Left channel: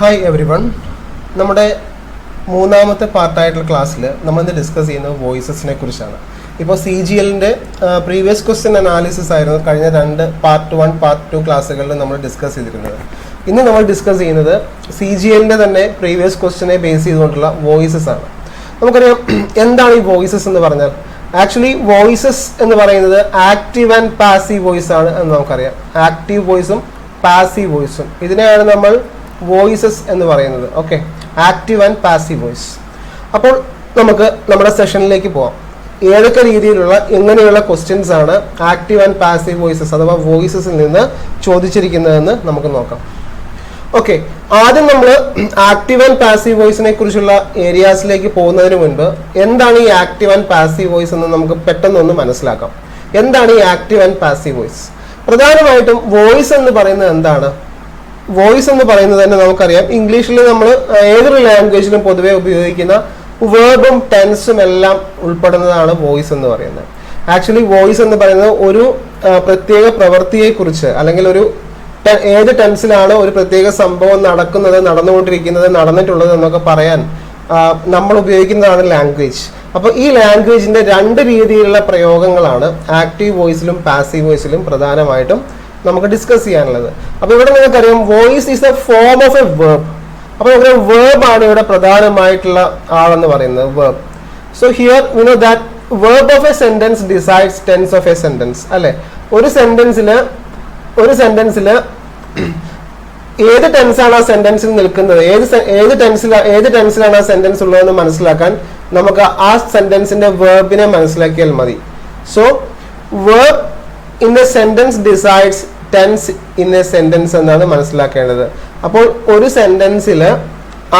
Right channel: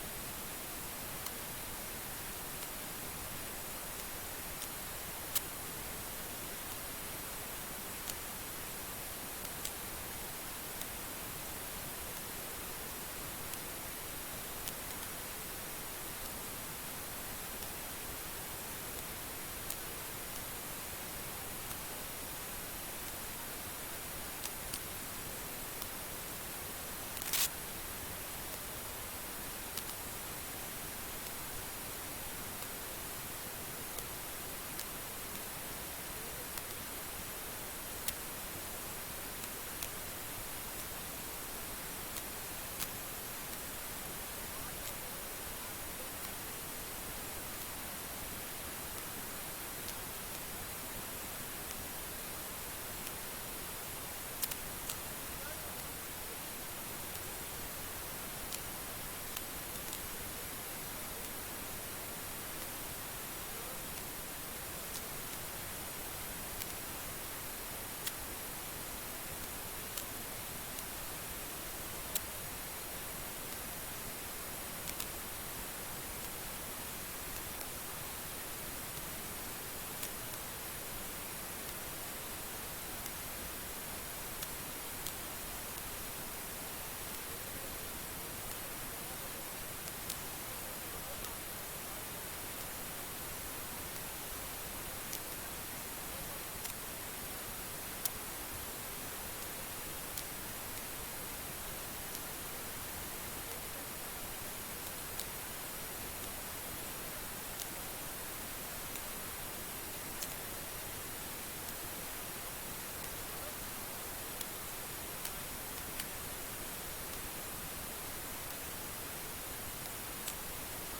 Hi every one. നമ്മുടെ മൂന്നാമത്തെ പാർട്ടായിട്ടുള്ള ക്ലാസ്സിൽ നമ്മളിന്ന് ഡിസ്കസ് ചെയ്യുന്നത് വോയിസസിനെ കുറിച്ചാണ്. ഇപ്പോൾ CGL-ൻ്റെ പ്രീവിയസ് ക്വസ്റ്റ്യൻ അനാലിസിസ് ആയിരുന്നു കഴിഞ്ഞ പാർട്ട് 1 പാർട്ട് 2 ക്ലാസ്സുകളിൽ നമ്മൾ ഡിസ്കസ് ചെയ്തിരുന്നത്. ഇന്ന് നമ്മൾ ഡിസ്കസ് ചെയ്യുന്നത് CGL-ൻ്റെ തന്നെ പ്രീവിയസ് ക്വസ്റ്റ്യനെ ബേസ് ചെയ്തുകൊണ്ടുള്ള വോയിസസ് ആണ്. നമുക്കറിയാം എന്താണ് ഈ വോയിസസ് എന്ന് പറഞ്ഞാൽ. ആക്ച്വലി വോയിസസ് എന്ന് പറയുന്നത് ആക്റ്റീവ് ആൻഡ് പാസീവ് വോയിസ് ആണ് എന്ന് നമുക്കറിയാം. ആക്റ്റീവ് വോയിസും പാസീവ് വോയിസും ഇതിനെയാണ് നമ്മൾ വോയിസസ് എന്ന് പറയുന്നത്. Okay, active and passive voice. അപ്പോൾ നമുക്ക് നമ്മുടെ സെഷനിലേക്ക് പോവാം. ഏതൊക്കെ രീതിയിലുള്ള എങ്ങനെയുള്ള ക്വസ്റ്റ്യൻസ് ആണ് ആക്റ്റീവ് ആൻഡ് പാസീവ് വോയിസസ് അഥവാ വോയിസസിൽ നിന്ന് ചോദിച്ചിരിക്കുന്നതെന്ന് നമുക്ക് നോക്കാം. ഓക്കെ, ആദ്യം നമ്മൾ ആക്റ്റീവ് ആൻഡ് പാസീവ് വോയിസിനെ കുറിച്ചുള്ള ഏരിയാസിലേക്ക് പോകുന്നതിന് മുൻപ് എന്താണ് ഈ ആക്റ്റീവ് ആൻഡ് പാസീവ് വോയിസ് എന്ന് നമുക്ക് പെട്ടെന്നൊന്ന് മനസ്സിലാക്കാം. എന്താണ് ഈ ആക്റ്റീവ് ആൻഡ് പാസീവ് വോയിസ്? പ്രധാനമായിട്ടും വോയിസ് എന്ന് പറയുന്നത് എന്താണ്? വോയിസ് എന്ന് പറയുന്നത് തന്നെ നമുക്കറിയാം, ഇംഗ്ലീഷിൽ നമ്മൾ ഏതൊരു ലാംഗ്വേജിലും പൊതുവെ ഉപയോഗിക്കുന്ന വേർബും ടെൻസും എല്ലാം ഉൾപ്പെടുന്നതാണ് വോയിസ് എന്ന് പറയുന്നത്. ആക്ച്വലി വോയിസ് എന്ന് പറയുന്നത് ഒരു പ്രത്യേക പ്രവൃത്തിയെക്കുറിച്ച് അല്ലെങ്കിൽ ഒരു ഏത് ടെൻസിലാണ് ഒരു പ്രത്യേക സംഭവം നടക്കുന്നത്, നടന്നുകൊണ്ടിരിക്കുന്നത്, നടന്നിട്ടുള്ളത് എന്നൊക്കെ പറയാൻ നമ്മൾ ഉപയോഗിക്കുന്നതാണ് ലാംഗ്വേജ്. അപ്പോൾ ഈ ലാംഗ്വേജിന്റെ രണ്ട് രീതിയിലുള്ള പ്രയോഗങ്ങളാണ് ആക്റ്റീവ് വോയിസിലും പാസീവ് വോയിസിലും പ്രധാനമായിട്ടും നമുക്ക് ഡിസ്കസ് ചെയ്യാനുള്ളത്. അപ്പോൾ ഇവിടെ നിങ്ങൾക്കറിയാം voice is a form of a verb. അപ്പോൾ ഇവിടെ വേർബ് ആണ് ഇവിടെ പ്രധാനമായിട്ടുള്ള ആളെന്ന് പറയുന്നത്, verb. So here you know that verb of a sentence decides tense of a sentence. അല്ലെ, ഒരു സെന്റൻസിൽ ഏത് ടെൻസാണ് ആ സെന്റൻസിൽ നിൽക്കുന്നത്, ഏത് ടെൻസിലാണ് ആ സെന്റൻസ് ഉള്ളതെന്ന് മനസ്സിലാക്കാൻ നമുക്ക് ആ സെന്റൻസിന്റെ വേർബിനെ മനസ്സിലാക്കിയാൽ മതി. So verb in a sentence decides tense in a sentence എന്നാണ് മനസ്സിലാക്കേണ്ടത്. അപ്പോൾ ഒരു സെന്റൻസിൽ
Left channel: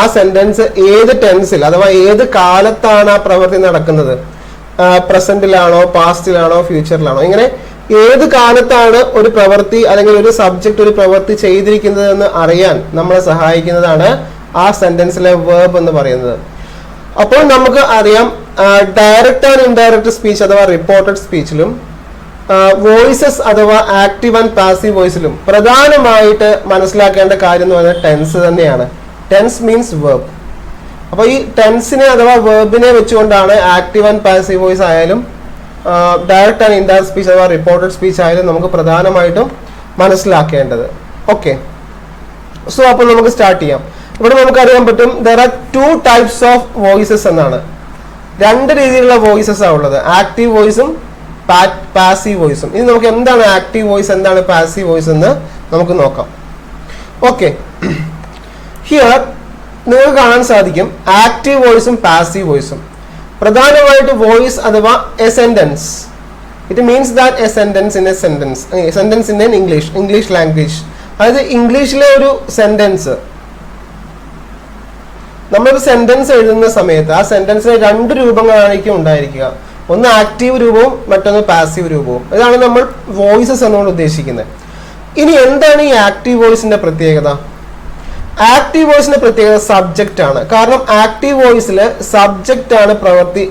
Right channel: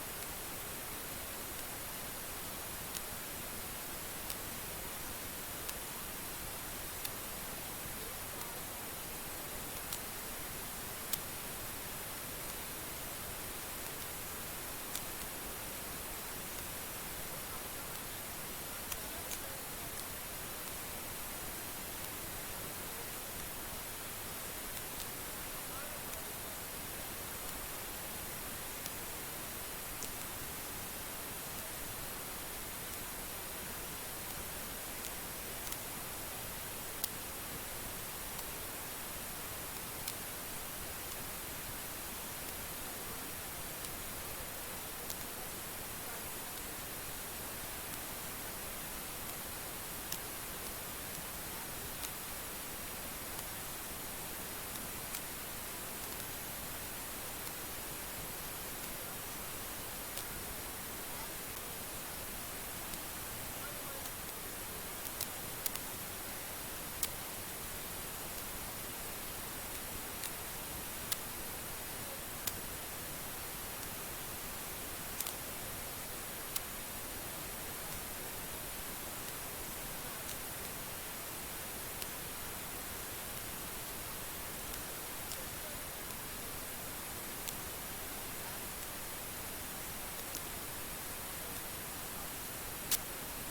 ആ സെന്റൻസ് ഏത് ടെൻസിൽ അഥവാ ഏത് കാലത്താണ് ആ പ്രവൃത്തി നടക്കുന്നത്, പ്രസന്റിലാണോ പാസ്റ്റിലാണോ ഫ്യൂച്ചറിലാണോ, ഇങ്ങനെ ഏത് കാലത്താണ് ഒരു പ്രവൃത്തി അല്ലെങ്കിൽ ഒരു സബ്ജക്ട് ഒരു പ്രവൃത്തി ചെയ്തിരിക്കുന്നത് എന്ന് അറിയാൻ നമ്മളെ സഹായിക്കുന്നതാണ് ആ സെന്റൻസിലെ വേർബ് എന്ന് പറയുന്നത്. അപ്പോൾ നമുക്ക് അറിയാം ഡയറക്റ്റ് ആൻഡ് ഇൻഡയറക്റ്റ് സ്പീച്ച് അഥവാ റിപ്പോർട്ടഡ് സ്പീച്ചിലും വോയിസസ് അഥവാ ആക്റ്റീവ് ആൻഡ് പാസീവ് വോയിസിലും പ്രധാനമായിട്ട് മനസ്സിലാക്കേണ്ട കാര്യം എന്ന് പറയുന്നത് ടെൻസ് തന്നെയാണ്. Tense means verb. അപ്പോൾ ഈ ടെൻസിനെ അഥവാ വേർബിനെ വെച്ചുകൊണ്ടാണ് ആക്റ്റീവ് ആൻഡ് പാസീവ് വോയിസ് ആയാലും ഡയറക്റ്റ് ആൻഡ് ഇൻഡയറക്റ്റ് സ്പീച്ച് അഥവാ റിപ്പോർട്ടഡ് സ്പീച്ച് ആയാലും നമുക്ക് പ്രധാനമായിട്ടും മനസ്സിലാക്കേണ്ടത്. ഓക്കെ, സോ അപ്പോൾ നമുക്ക് സ്റ്റാർട്ട് ചെയ്യാം. ഇവിടെ നമുക്ക് അറിയാൻ പറ്റും there are two types of voices എന്നാണ്. രണ്ട് രീതിയിലുള്ള വോയിസസ് ആണ് ഉള്ളത്, ആക്റ്റീവ് വോയിസും പാസീവ് വോയിസും. ഇനി നമുക്ക് എന്താണ് ആക്റ്റീവ് വോയിസ്, എന്താണ് പാസീവ് വോയിസ് എന്ന് നമുക്ക് നോക്കാം. ഓക്കെ, ഹിയർ നിങ്ങൾക്ക് കാണാൻ സാധിക്കും ആക്റ്റീവ് വോയിസും പാസീവ് വോയിസും. പ്രധാനമായിട്ട് വോയിസ് അഥവാ A sentence, it means that A sentence in a sentence in English language. അതായത് ഇംഗ്ലീഷിലെ ഒരു സെന്റൻസ്, നമ്മളൊരു സെന്റൻസ് എഴുതുന്ന സമയത്ത് ആ സെന്റൻസിന് രണ്ട് രൂപങ്ങളായിരിക്കും ഉണ്ടായിരിക്കുക. ഒന്ന് ആക്റ്റീവ് രൂപവും മറ്റൊന്ന് പാസീവ് രൂപവും. ഇതാണ് നമ്മൾ വോയിസസ് എന്നുകൊണ്ട് ഉദ്ദേശിക്കുന്നത്. ഇനി എന്താണ് ഈ ആക്റ്റീവ് വോയിസിന്റെ പ്രത്യേകത? ആക്റ്റീവ് വോയിസിന്റെ പ്രത്യേകത സബ്ജക്റ്റ് ആണ്. കാരണം ആക്റ്റീവ് വോയിസിൽ സബ്ജക്റ്റ് ആണ് പ്രവൃത്തി,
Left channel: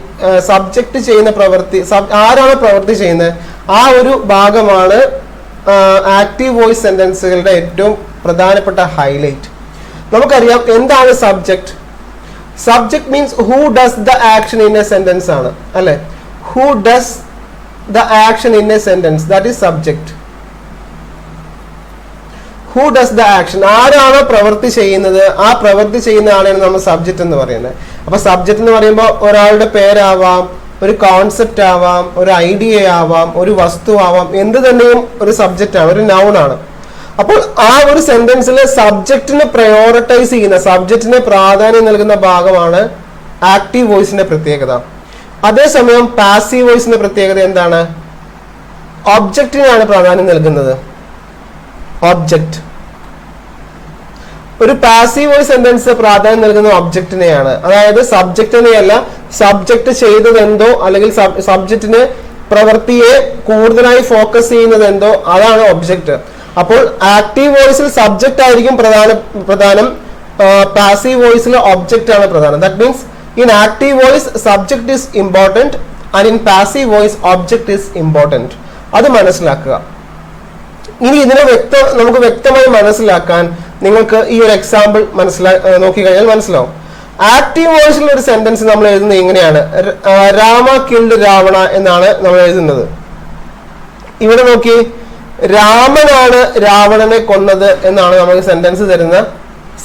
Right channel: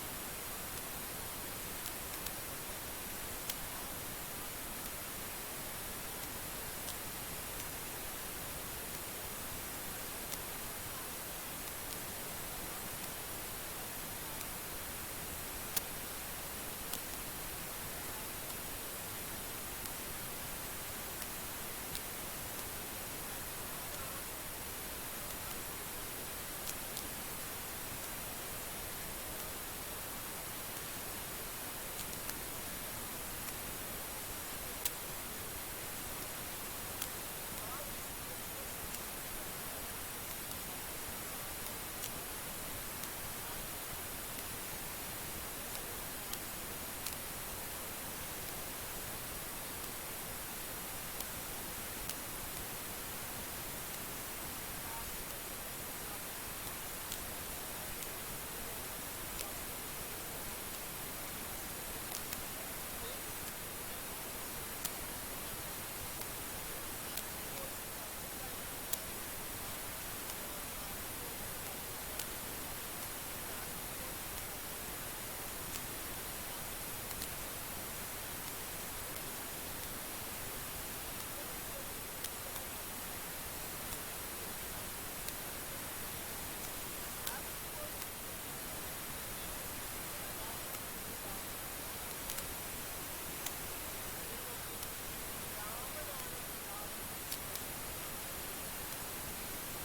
സബ്ജക്റ്റ് ചെയ്യുന്ന പ്രവൃത്തി, ആരാണ് പ്രവൃത്തി ചെയ്യുന്നത് ആ ഒരു ഭാഗമാണ് ആക്റ്റീവ് വോയിസ് സെന്റൻസുകളുടെ ഏറ്റവും പ്രധാനപ്പെട്ട ഹൈലൈറ്റ്. നമുക്കറിയാം എന്താണ് subject. Subject means who does the action in a sentence ആണ്, അല്ലെ? Who does the action in a sentence, that is subject. Who does the action, ആരാണോ പ്രവൃത്തി ചെയ്യുന്നത് ആ പ്രവൃത്തി ചെയ്യുന്ന ആളെയാണ് നമ്മൾ സബ്ജക്റ്റ് എന്ന് പറയുന്നത്. അപ്പൊ സബ്ജക്റ്റ് എന്ന് പറയുമ്പോൾ ഒരാളുടെ പേരാവാം, ഒരു കോൺസെപ്റ്റ് ആവാം, ഒരു ഐഡിയ ആവാം, ഒരു വസ്തു ആവാം, എന്ത് തന്നെയും ഒരു സബ്ജക്റ്റ് ആണ്, ഒരു നൗൺ ആണ്. അപ്പോൾ ആ ഒരു സെന്റൻസിലെ സബ്ജക്റ്റിനെ പ്രയോറിറ്റൈസ് ചെയ്യുന്ന, സബ്ജക്റ്റിനെ പ്രാധാന്യം നൽകുന്ന ഭാഗമാണ് ആക്റ്റീവ് വോയിസിന്റെ പ്രത്യേകത. അതേസമയം പാസീവ് വോയിസിന്റെ പ്രത്യേകത എന്താണ്? ഒബ്ജക്റ്റിനാണ് പ്രാധാന്യം നൽകുന്നത്. ഒബ്ജക്റ്റ്, ഒരു പാസീവ് വോയിസ് സെന്റൻസ് പ്രാധാന്യം നൽകുന്ന ഒബ്ജക്റ്റിനെയാണ്. അതായത് സബ്ജക്റ്റിനെയല്ല, സബ്ജക്റ്റ് ചെയ്തത് എന്തോ അല്ലെങ്കിൽ സബ്ജക്റ്റിന് പ്രവൃത്തിയെ കൂടുതലായി ഫോക്കസ് ചെയ്യുന്നത് എന്തോ അതാണ് ഒബ്ജക്റ്റ്. അപ്പോൾ ആക്റ്റീവ് വോയിസിൽ സബ്ജക്റ്റ് ആയിരിക്കും പ്രധാനം, പാസീവ് വോയിസിൽ ഒബ്ജക്റ്റ് ആണ് പ്രധാനം. That means in active voice subject is important and in passive voice object is important. അത് മനസ്സിലാക്കുക. ഇനി ഇതിനെ നമുക്ക് വ്യക്തമായി മനസ്സിലാക്കാൻ നിങ്ങൾക്ക് ഈ ഒരു എക്സാമ്പിൾ നോക്കിക്കഴിഞ്ഞാൽ മനസ്സിലാവും. ആക്റ്റീവ് വോയിസിലുള്ള ഒരു സെന്റൻസ് നമ്മൾ എഴുതുന്നത് ഇങ്ങനെയാണ്, രാമ കിൽഡ് രാവണ എന്നാണ് നമ്മൾ എഴുതുന്നത്. ഇവിടെ നോക്കി, രാമനാണ് രാവണനെ കൊന്നത് എന്നാണ് നമുക്ക് സെന്റൻസ് തരുന്ന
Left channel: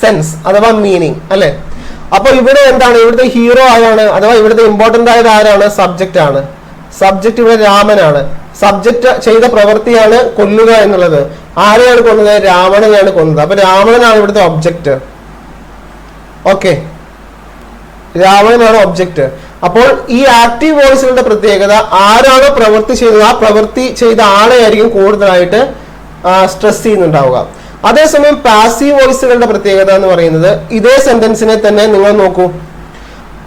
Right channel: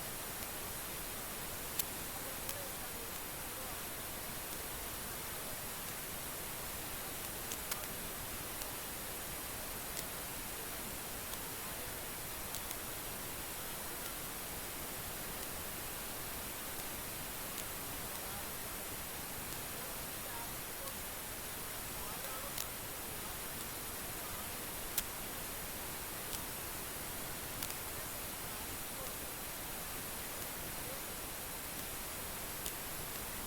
സെൻസ് അഥവാ മീനിങ് അല്ലെ. അപ്പൊ ഇവിടെ എന്താണ്, ഇവിടുത്തെ ഹീറോ ആരാണ് അഥവാ ഇവിടുത്തെ ഇമ്പോർട്ടന്റ് ആയത് ആരാണ്? സബ്ജക്റ്റ് ആണ്. സബ്ജക്റ്റ് ഇവിടെ രാമനാണ്. സബ്ജക്റ്റ് ചെയ്ത പ്രവൃത്തിയാണ് കൊല്ലുക എന്നുള്ളത്. ആരെയാണ് കൊന്നത്? രാവണനെയാണ് കൊന്നത്. അപ്പൊ രാവണനാണ് ഇവിടുത്തെ ഒബ്ജക്റ്റ്. Okay, രാവണനാണ് object. അപ്പോൾ ഈ ആക്റ്റീവ് വോയിസുകളുടെ പ്രത്യേകത ആരാണോ പ്രവൃത്തി ചെയ്തത് ആ പ്രവൃത്തി ചെയ്ത ആളെ ആയിരിക്കും കൂടുതലായിട്ട് സ്ട്രെസ് ചെയ്യുന്നുണ്ടാവുക. അതേസമയം പാസീവ് വോയിസുകളുടെ പ്രത്യേകത എന്ന് പറയുന്നത്, ഇതേ സെന്റൻസിനെ തന്നെ നിങ്ങൾ നോക്കൂ,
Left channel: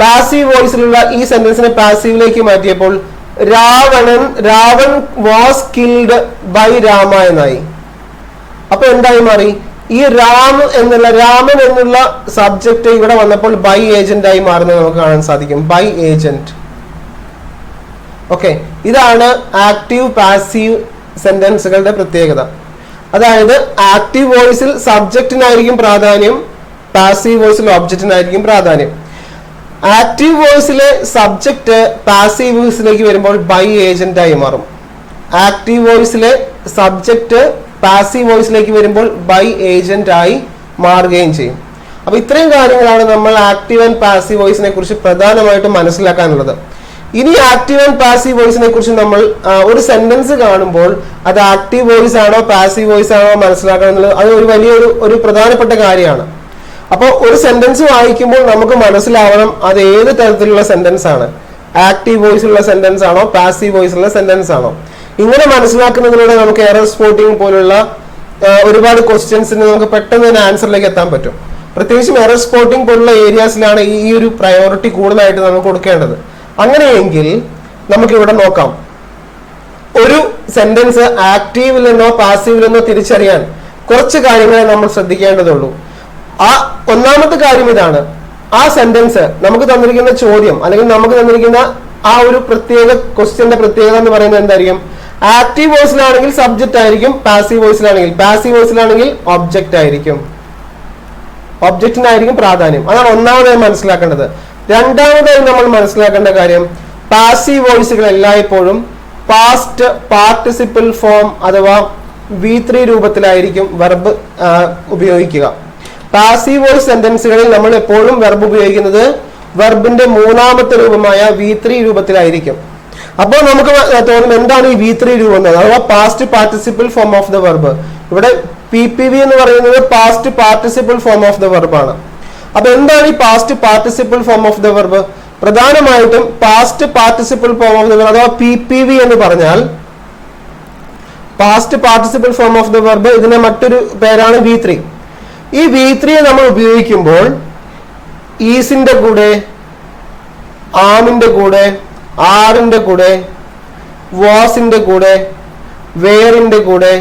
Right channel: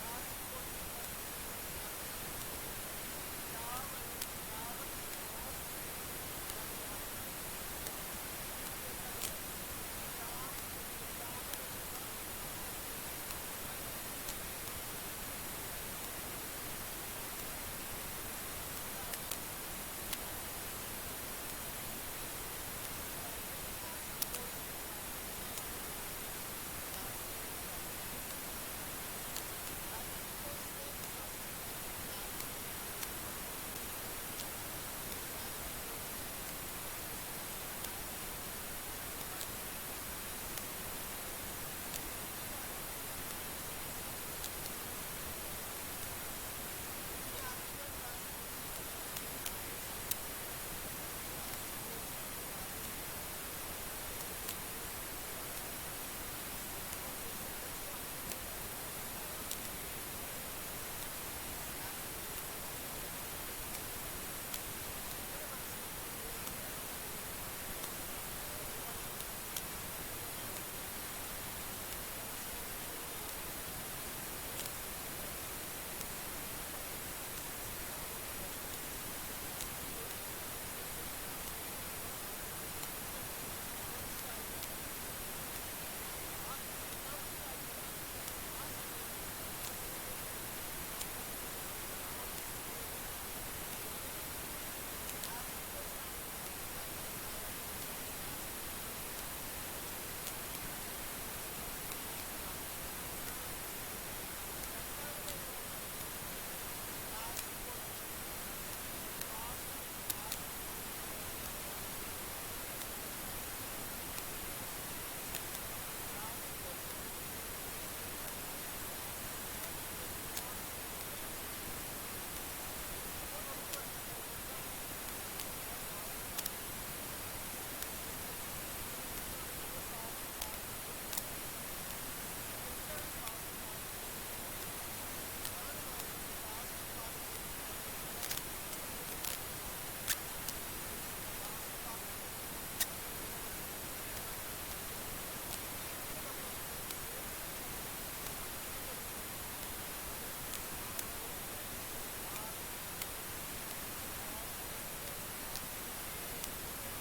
പാസീവ് വോയിസിലുള്ള ഈ സെന്റൻസിനെ പാസീവിലേക്ക് മാറ്റിയപ്പോൾ Ravan was killed by Rama എന്നായി. അപ്പൊ എന്തായി മാറി? ഈ രാമൻ എന്നുള്ള സബ്ജക്ട് ഇവിടെ വന്നപ്പോൾ ബൈ ഏജന്റ് ആയി മാറുന്നത് നമുക്ക് കാണാൻ സാധിക്കും. By agent. ഓക്കെ, ഇതാണ് ആക്റ്റീവ് പാസീവ് സെന്റൻസുകളുടെ പ്രത്യേകത. അതായത് ആക്റ്റീവ് വോയിസിൽ സബ്ജക്റ്റിനായിരിക്കും പ്രാധാന്യം, പാസീവ് വോയിസിൽ ഒബ്ജക്റ്റിനായിരിക്കും പ്രാധാന്യം. ആക്റ്റീവ് വോയിസിലെ സബ്ജക്റ്റ് പാസീവ് വോയിസിലേക്ക് വരുമ്പോൾ ബൈ ഏജന്റ് ആയി മാറും. ആക്റ്റീവ് വോയിസിലെ സബ്ജക്റ്റ് പാസീവ് വോയിസിലേക്ക് വരുമ്പോൾ ബൈ ഏജന്റ് ആയി മാറുകയും ചെയ്യും. അപ്പൊ ഇത്രയും കാര്യങ്ങളാണ് നമ്മൾ ആക്റ്റീവ് ആൻഡ് പാസീവ് വോയിസിനെ കുറിച്ച് പ്രധാനമായിട്ടും മനസ്സിലാക്കാനുള്ളത്. ഇനി ആക്റ്റീവ് ആൻഡ് പാസീവ് വോയിസിനെ കുറിച്ച് നമ്മൾ ഒരു സെന്റൻസ് കാണുമ്പോൾ അത് ആക്റ്റീവ് വോയിസ് ആണോ പാസീവ് വോയിസ് ആണോ മനസ്സിലാക്കണം എന്നുള്ളത് അത് ഒരു വലിയൊരു പ്രധാനപ്പെട്ട കാര്യമാണ്. അപ്പോൾ ഒരു സെന്റൻസ് വായിക്കുമ്പോൾ നമുക്ക് മനസ്സിലാവണം അത് ഏത് തരത്തിലുള്ള സെന്റൻസ് ആണ്, ആക്റ്റീവ് വോയിസുള്ള സെന്റൻസ് ആണോ പാസീവ് വോയിസുള്ള സെന്റൻസ് ആണോ. ഇങ്ങനെ മനസ്സിലാക്കുന്നതിലൂടെ നമുക്ക് എറർ സ്പോട്ടിംഗ് പോലുള്ള ഒരുപാട് ക്വസ്റ്റ്യൻസിന് നമുക്ക് പെട്ടെന്ന് തന്നെ ആൻസറിലേക്ക് എത്താൻ പറ്റും. പ്രത്യേകിച്ചും എറർ സ്പോട്ടിംഗ് പോലുള്ള ഏരിയാസിലാണ് ഈ ഒരു പ്രയോറിറ്റി കൂടുതലായിട്ട് നമുക്ക് കൊടുക്കേണ്ടത്. അങ്ങനെയെങ്കിൽ നമുക്കിവിടെ നോക്കാം, ഒരു സെന്റൻസ് ആക്റ്റീവിൽ നിന്നോ പാസീവിൽ നിന്നോ തിരിച്ചറിയാൻ കുറച്ച് കാര്യങ്ങളെ നമ്മൾ ശ്രദ്ധിക്കേണ്ടതുള്ളൂ. ആ ഒന്നാമത്തെ കാര്യം ഇതാണ്, ആ സെന്റൻസ് നമുക്ക് തന്നിരിക്കുന്ന ചോദ്യം അല്ലെങ്കിൽ നമുക്ക് തന്നിരിക്കുന്ന ആ ഒരു പ്രത്യേക ക്വസ്റ്റ്യന്റെ പ്രത്യേകത എന്ന് പറയുന്നത് എന്തായിരിക്കും? ആക്റ്റീവ് വോയിസിലാണെങ്കിൽ സബ്ജക്റ്റ് ആയിരിക്കും, പാസീവ് വോയിസിലാണെങ്കിൽ ഒബ്ജക്റ്റ് ആയിരിക്കും. ഒബ്ജക്റ്റിനായിരിക്കും പ്രാധാന്യം. അതാണ് ഒന്നാമതായി മനസ്സിലാക്കേണ്ടത്. രണ്ടാമതായി നമ്മൾ മനസ്സിലാക്കേണ്ട കാര്യം, പാസീവ് വോയിസുകൾ എല്ലായ്പ്പോഴും പാസ്റ്റ് പാർട്ടിസിപ്പിൾ ഫോം അഥവാ V3 രൂപത്തിലായിരിക്കും വെർബ് ഉപയോഗിക്കുക. പാസീവ് വോയിസ് സെന്റൻസുകളിൽ നമ്മൾ എപ്പോഴും വെർബ് ഉപയോഗിക്കുന്നത് വെർബിന്റെ മൂന്നാമത്തെ രൂപമായ V3 രൂപത്തിലായിരിക്കും. അപ്പോൾ നമുക്ക് തോന്നും എന്താണ് ഈ V3 രൂപം എന്നത്, അഥവാ past participle form of the verb. ഇവിടെ PPV എന്ന് പറയുന്നത് past participle form of the verb ആണ്. അപ്പൊ എന്താണ് ഈ past participle form of the verb? പ്രധാനമായിട്ടും past participle form of the verb അഥവാ PPV എന്ന് പറഞ്ഞാൽ past participle form of the verb, ഇതിന്റെ മറ്റൊരു പേരാണ് V3. ഈ V3 നമ്മൾ ഉപയോഗിക്കുമ്പോൾ ഈസിന്റെ കൂടെ, ആമിന്റെ കൂടെ, ആറിന്റെ കൂടെ, വാസിന്റെ കൂടെ, വേറിന്റെ കൂടെ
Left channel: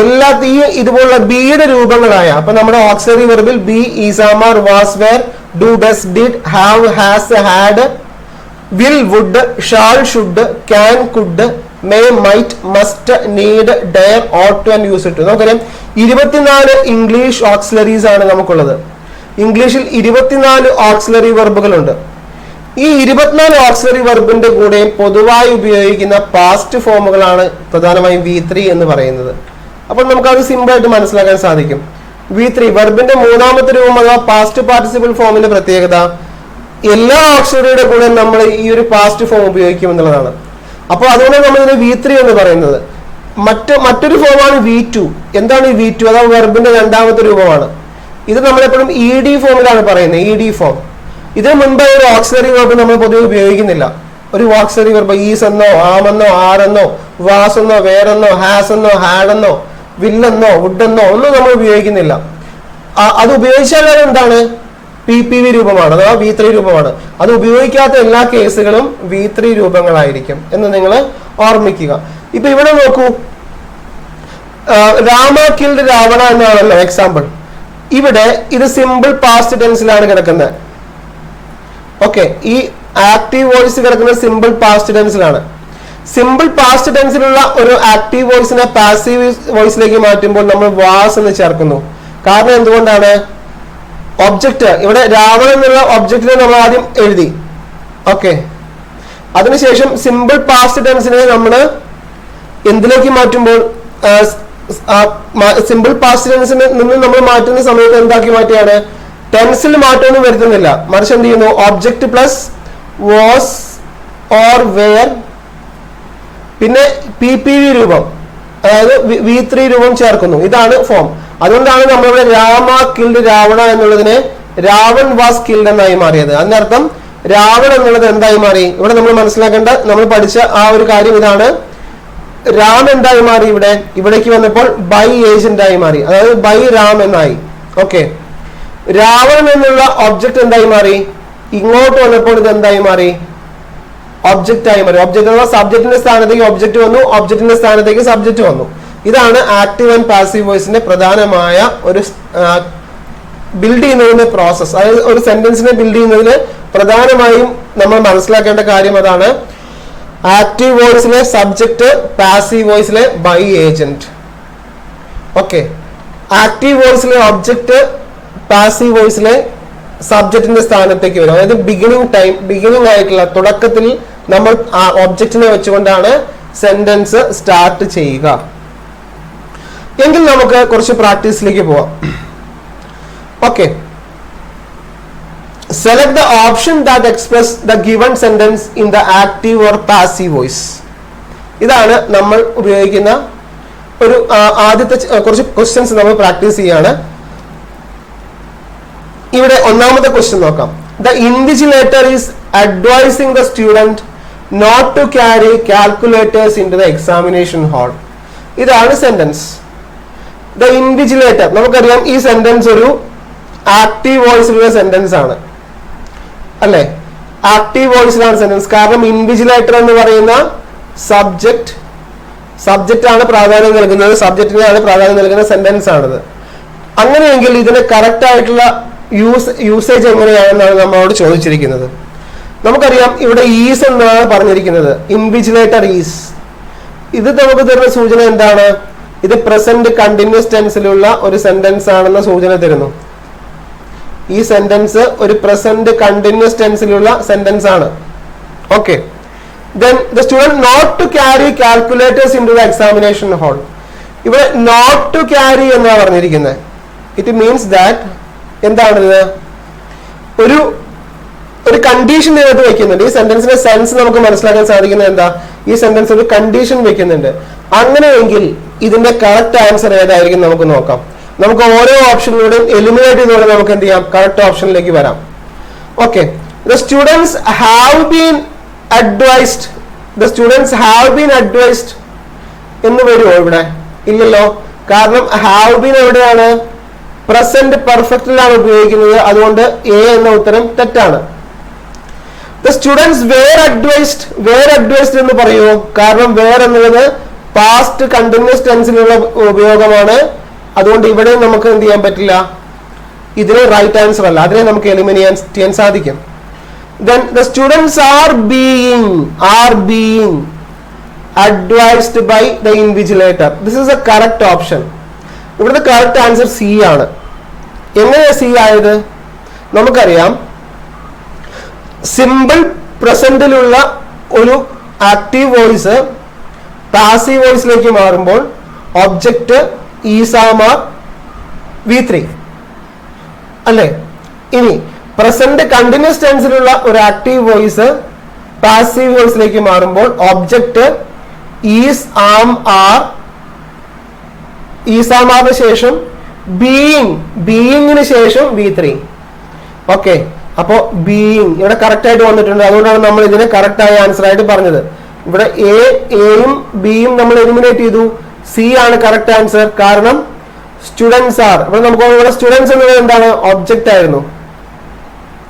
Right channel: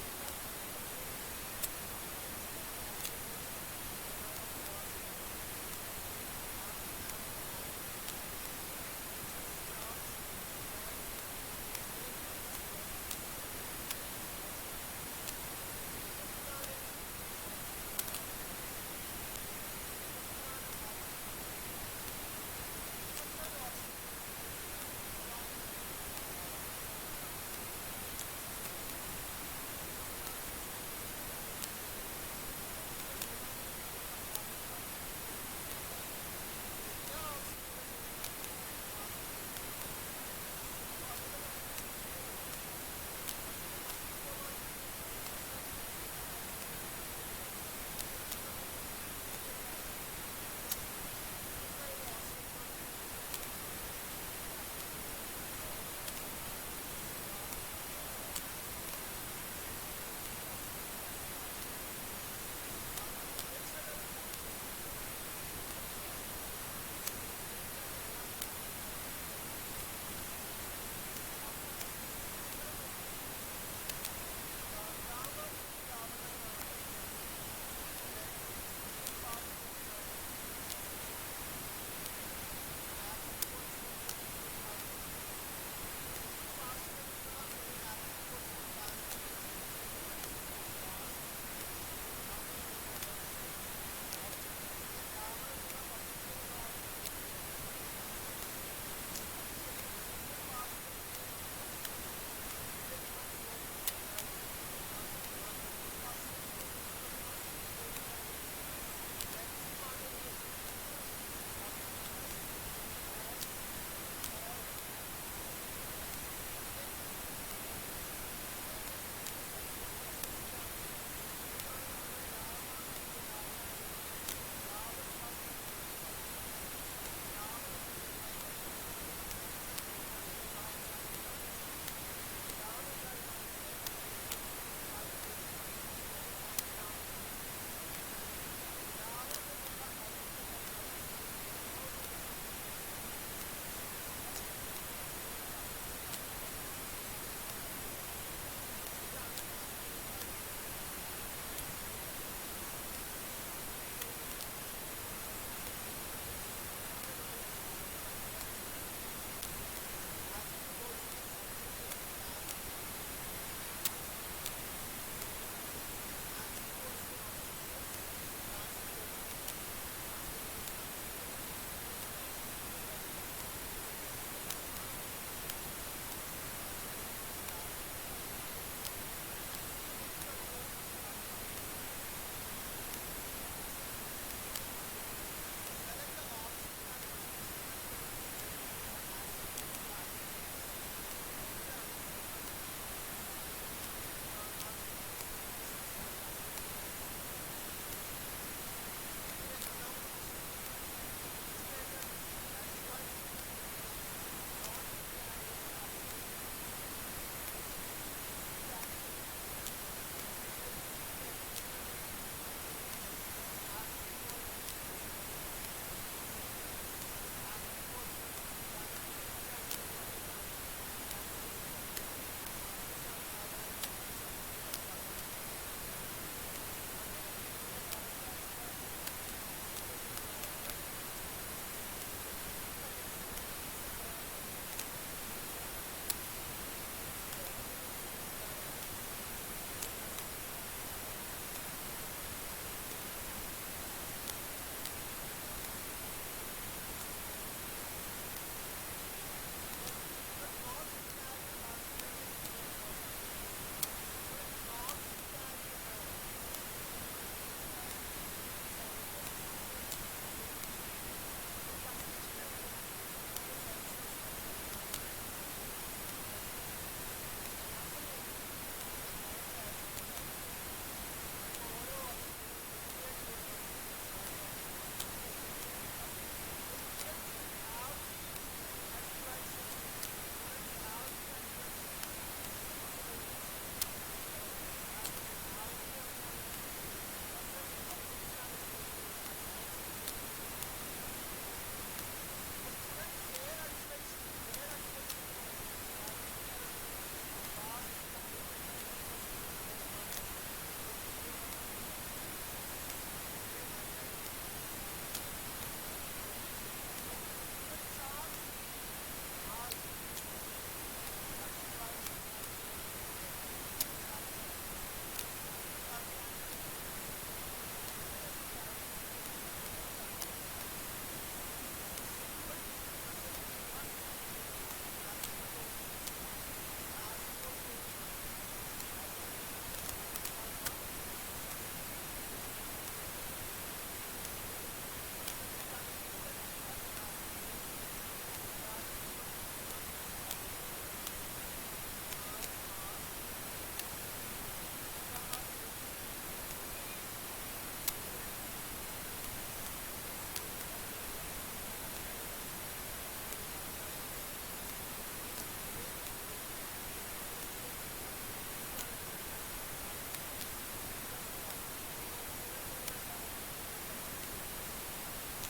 എല്ലാത്തെയും ഇതുപോലുള്ള ബിയുടെ രൂപങ്ങളായ, അപ്പൊ നമ്മുടെ ഓക്സിലറി വെർബിൽ be, is, are, was, were, do, does, did, have, has, had, will, would, shall, should, can, could, may, might, must, need, dare, ought to and use to. നമുക്കറിയാം 24 ഇംഗ്ലീഷ് ഓക്സിലറീസ് ആണ് നമുക്കുള്ളത്. ഇംഗ്ലീഷിൽ 24 ഓക്സിലറി വെർബുകളുണ്ട്. ഈ 24 auxiliary വെർബിന്റെ കൂടെ പൊതുവായി ഉപയോഗിക്കുന്ന past ഫോമുകളാണ് പ്രധാനമായും V3 എന്ന് പറയുന്നത്. അപ്പോൾ നമുക്കത് സിമ്പിൾ ആയിട്ട് മനസ്സിലാക്കാൻ സാധിക്കും. V3 വെർബിന്റെ മൂന്നാമത്തെ രൂപം അഥവാ പാസ്റ്റ് പാർട്ടിസിപ്പിൾ ഫോമിന്റെ പ്രത്യേകത എല്ലാ ഓക്സിലറിയുടെ കൂടെ നമ്മൾ ഈ ഒരു പാസ്റ്റ് ഫോം ഉപയോഗിക്കും എന്നുള്ളതാണ്. അപ്പോൾ അതുകൊണ്ട് നമ്മൾ ഇതിനെ V3 എന്ന് പറയുന്നത്. മറ്റൊരു ഫോമാണ് V2. എന്താണ് ഈ V2? അഥവാ വെർബിന്റെ രണ്ടാമത്തെ രൂപമാണ്. ഇത് നമ്മളെപ്പോഴും ED ഫോമിലാണ് പറയുന്നത്, ED ഫോം. ഇതിന് മുൻപ് ഒരു ഓക്സിലറി വെർബ് നമ്മൾ പൊതുവെ ഉപയോഗിക്കുന്നില്ല. ഒരു ഓക്സിലറി വെർബ് ഈസ് എന്നോ, ആമെന്നോ, ആറെന്നോ, വാസ് എന്നോ, വേറെന്നോ, ഹാസ് എന്നോ, ഹാഡെന്നോ, വില്ലെന്നോ, വുഡെന്നോ ഒന്നും നമ്മൾ ഉപയോഗിക്കുന്നില്ല. അത് ഉപയോഗിച്ചാൽ എന്താണ്? PPV രൂപമാണ് അഥവാ V3 രൂപമാണ്. അത് ഉപയോഗിക്കാത്ത എല്ലാ കേസുകളും V3 രൂപങ്ങളായിരിക്കും എന്ന് നിങ്ങൾ ഓർമ്മിക്കുക. ഇപ്പൊ ഇവിടെ നോക്കൂ, രാമ കിൽഡ് രാവണ എന്നാണല്ലോ എക്സാമ്പിൾ. ഇവിടെ ഇത് സിമ്പിൾ പാസ്റ്റ് ടെൻസിലാണ് കിടക്കുന്നത്. ഓക്കെ, ഈ ആക്റ്റീവ് വോയിസ് കിടക്കുന്നത് സിമ്പിൾ പാസ്റ്റ് ടെൻസിലാണ്. സിമ്പിൾ പാസ്റ്റ് ടെൻസിലുള്ള ഒരു ആക്റ്റീവ് വോയിസിനെ പാസീവ് വോയിസിലേക്ക് മാറ്റുമ്പോൾ നമ്മൾ വാസ് എന്ന് ചേർക്കുന്നു. കാരണം എന്തുകൊണ്ടാണ്? ഒബ്ജക്റ്റ് ഇവിടെ രാവണൻ എന്നുള്ള ഒബ്ജക്റ്റിനെ നമ്മൾ ആദ്യം എഴുതി. ഓക്കെ, അതിനുശേഷം സിമ്പിൾ പാസ്റ്റ് ടെൻസിനെ നമ്മൾ എന്തിലേക്ക് മാറ്റുമ്പോൾ സിമ്പിൾ പാസ്റ്റ് ടെൻസിന് നിന്ന് നമ്മൾ മാറ്റുന്ന സമയത്ത് എന്താക്കി മാറ്റിയാണ്? ടെൻസിൽ മാറ്റമൊന്നും വരുത്തുന്നില്ല, മറിച്ച് എന്ത് ചെയ്യുന്നു? Object plus was or were പിന്നെ PPV രൂപം, അതായത് V3 രൂപം ചേർക്കുന്നു. ഇതാണ് ഫോം. അതുകൊണ്ടാണ് നമ്മളിവിടെ രാമ കിൽഡ് രാവണ എന്നുള്ളതിനെ രാവൺ വാസ് കിൽഡ് എന്നായി മാറിയത്. അതിനർത്ഥം രാവൺ എന്നുള്ളത് എന്തായി മാറി? ഇവിടെ നമ്മൾ മനസ്സിലാക്കേണ്ട, നമ്മൾ പഠിച്ച ആ ഒരു കാര്യം ഇതാണ്. രാം എന്തായി മാറി? ഇവിടേക്ക് വന്നപ്പോൾ ബൈ ഏജന്റ് ആയി മാറി, അതായത് ബൈ രാം എന്നായി. ഓക്കെ, രാവണൻ എന്നുള്ള ഒബ്ജക്റ്റ് എന്തായി മാറി? ഇങ്ങോട്ട് വന്നപ്പോൾ ഇത് എന്തായി മാറി? ഒബ്ജക്റ്റ് ആയി മാറി. ഒബ്ജക്റ്റ് എന്ന സബ്ജക്റ്റിന്റെ സ്ഥാനത്തേക്ക് ഒബ്ജക്റ്റ് വന്നു, ഒബ്ജക്റ്റിന്റെ സ്ഥാനത്തേക്ക് സബ്ജക്റ്റ് വന്നു. ഇതാണ് ആക്റ്റീവ് ആൻഡ് പാസീവ് വോയിസിന്റെ പ്രധാനമായ ഒരു ബിൽഡ് ചെയ്യുന്നതിന്റെ പ്രോസസ്. അതായത് ഒരു സെന്റൻസിനെ ബിൽഡ് ചെയ്യുന്നതിന് പ്രധാനമായും നമ്മൾ മനസ്സിലാക്കേണ്ട കാര്യം അതാണ്. ആക്റ്റീവ് വോയിസിലെ സബ്ജക്റ്റ്, പാസീവ് വോയിസിലെ ബൈ ഏജന്റ്. ഓക്കെ, ആക്റ്റീവ് വോയിസിലെ ഒബ്ജക്റ്റ് പാസീവ് വോയിസിലെ സബ്ജക്റ്റിന്റെ സ്ഥാനത്തേക്ക് വരും. അതായത് ബിഗിനിങ് ആയിട്ടുള്ള തുടക്കത്തിൽ നമ്മൾ ആ ഒബ്ജക്റ്റിനെ വെച്ചുകൊണ്ടാണ് സെന്റൻസ് സ്റ്റാർട്ട് ചെയ്യുക. എങ്കിൽ നമുക്ക് കുറച്ച് പ്രാക്ടീസിലേക്ക് പോവാം. Okay, select the option that express the given sentence in the active or passive voice. ഇതാണ് നമ്മൾ ഉപയോഗിക്കുന്ന ഒരു ആദ്യത്തെ കുറച്ച് ക്വസ്റ്റ്യൻസ് നമ്മൾ പ്രാക്ടീസ് ചെയ്യാണ്. ഇവിടെ ഒന്നാമത്തെ ക്വസ്റ്റ്യൻ നോക്കാം. The invigilator is advising the student not to carry calculators into the examination hall. ഇതാണ് സെന്റൻസ്. ദ ഇൻവിജിലേറ്റർ, നമുക്കറിയാം ഈ സെന്റൻസ് ഒരു ആക്റ്റീവ് വോയിസിലുള്ള സെന്റൻസ് ആണ്, അല്ലെ? ആക്റ്റീവ് വോയിസിലാണ് സെന്റൻസ്. കാരണം ഇൻവിജിലേറ്റർ എന്ന് പറയുന്ന സബ്ജക്റ്റ് ആണ് പ്രാധാന്യം നൽകുന്നത്, സബ്ജക്റ്റിനാണ് പ്രാധാന്യം നൽകുന്ന സെന്റൻസ് ആണിത്. അങ്ങനെയെങ്കിൽ ഇതിന് കറക്റ്റ് ആയിട്ടുള്ള യൂസേജ് എങ്ങനെയാണെന്നാണ് നമ്മളോട് ചോദിച്ചിരിക്കുന്നത്. നമുക്കറിയാം ഇവിടെ ഈസ് എന്നാണ് പറഞ്ഞിരിക്കുന്നത്, ഇൻവിജിലേറ്റർ ഈസ്. ഇത് നമുക്ക് തരുന്ന സൂചന എന്താണ്? ഇത് പ്രസന്റ് കണ്ടിന്യൂസ് ടെൻസിലുള്ള ഒരു സെന്റൻസ് ആണെന്ന സൂചന തരുന്നു. ഈ സെന്റൻസ് ഒരു പ്രസന്റ് കണ്ടിന്യൂസ് ടെൻസിലുള്ള സെന്റൻസ് ആണ്. Okay, then the student not to carry calculators into the examination hall. ഇവിടെ not to carry എന്നാണ് പറഞ്ഞിരിക്കുന്നത്. ഇറ്റ് മീൻസ് ദാറ്റ് എന്താണിത്? ഒരു കണ്ടീഷൻ ഇതിനകത്ത് വെക്കുന്നുണ്ട്. ഈ സെന്റൻസിന്റെ സെൻസ് നമുക്ക് മനസ്സിലാക്കാൻ സാധിക്കുന്നത് എന്താ? ഈ സെന്റൻസ് ഒരു കണ്ടീഷൻ വെക്കുന്നുണ്ട്. അങ്ങനെയെങ്കിൽ ഇതിന്റെ കറക്റ്റ് ആൻസർ ഏതായിരിക്കും നമുക്ക് നോക്കാം. നമുക്ക് ഓരോ ഓപ്ഷനിലൂടെയും എലിമിനേറ്റ് ചെയ്തുകൊണ്ട് നമുക്ക് എന്ത് ചെയ്യാം? കറക്റ്റ് ഓപ്ഷനിലേക്ക് വരാം. Okay, the students have been advised എന്ന് വരുമോ ഇവിടെ? ഇല്ലല്ലോ. കാരണം have been എവിടെയാണ്? പ്രസന്റ് പെർഫെക്റ്റിലാണ് ഉപയോഗിക്കുന്നത്. അതുകൊണ്ട് എ എന്ന ഉത്തരം തെറ്റാണ്. The students were advised എന്ന് പറയുമോ? കാരണം were എന്നുള്ളത് പാസ്റ്റ് കണ്ടിന്യൂസ് ടെൻസിലുള്ള ഉപയോഗമാണ്. അതുകൊണ്ട് ഇവിടെ നമുക്ക് എന്ത് ചെയ്യാൻ പറ്റില്ല, ഇതിന് റൈറ്റ് ആൻസർ അല്ല, അതിനെ നമുക്ക് എലിമിനേറ്റ് ചെയ്യാൻ സാധിക്കും. Then the students are being advised by the invigilator. This is a correct option. ഇവിടുത്തെ കറക്റ്റ് ആൻസർ സി ആണ്. എങ്ങനെയാ സി ആയത്? നമുക്കറിയാം സിമ്പിൾ പ്രസന്റിലുള്ള ഒരു ആക്റ്റീവ് വോയിസ് പാസീവ് വോയിസിലേക്ക് മാറുമ്പോൾ ഒബ്ജക്റ്റ് ഈസാമാർ V3 അല്ലേ? ഇനി പ്രസന്റ് കണ്ടിന്യൂസ് ടെൻസിലുള്ള ഒരു ആക്റ്റീവ് വോയിസ് പാസീവ് വോയിസിലേക്ക് മാറുമ്പോൾ ഒബ്ജക്റ്റ് ഈസ് ആം ആർ, ഈസാമാറിന് ശേഷം ബീയിങ്ങിന് ശേഷം V3. ഓക്കെ, അപ്പോ ബീയിങ് ഇവിടെ കറക്റ്റ് ആയിട്ട് വന്നിട്ടുണ്ട്. അതുകൊണ്ടാണ് നമ്മൾ ഇതിനെ കറക്റ്റ് ആയ ആൻസർ ആയിട്ട് പറഞ്ഞത്. ഇവിടെ എയും ബിയും നമ്മൾ എലിമിനേറ്റ് ചെയ്തു. സി ആണ് കറക്റ്റ് ആൻസർ. കാരണം സ്റ്റുഡൻസ് ആർ, ഇവിടെ നമുക്ക് ഇവിടെ സ്റ്റുഡൻസ് എന്നത് എന്താണ്? ഒബ്ജക്റ്റ് ആയിരുന്നു.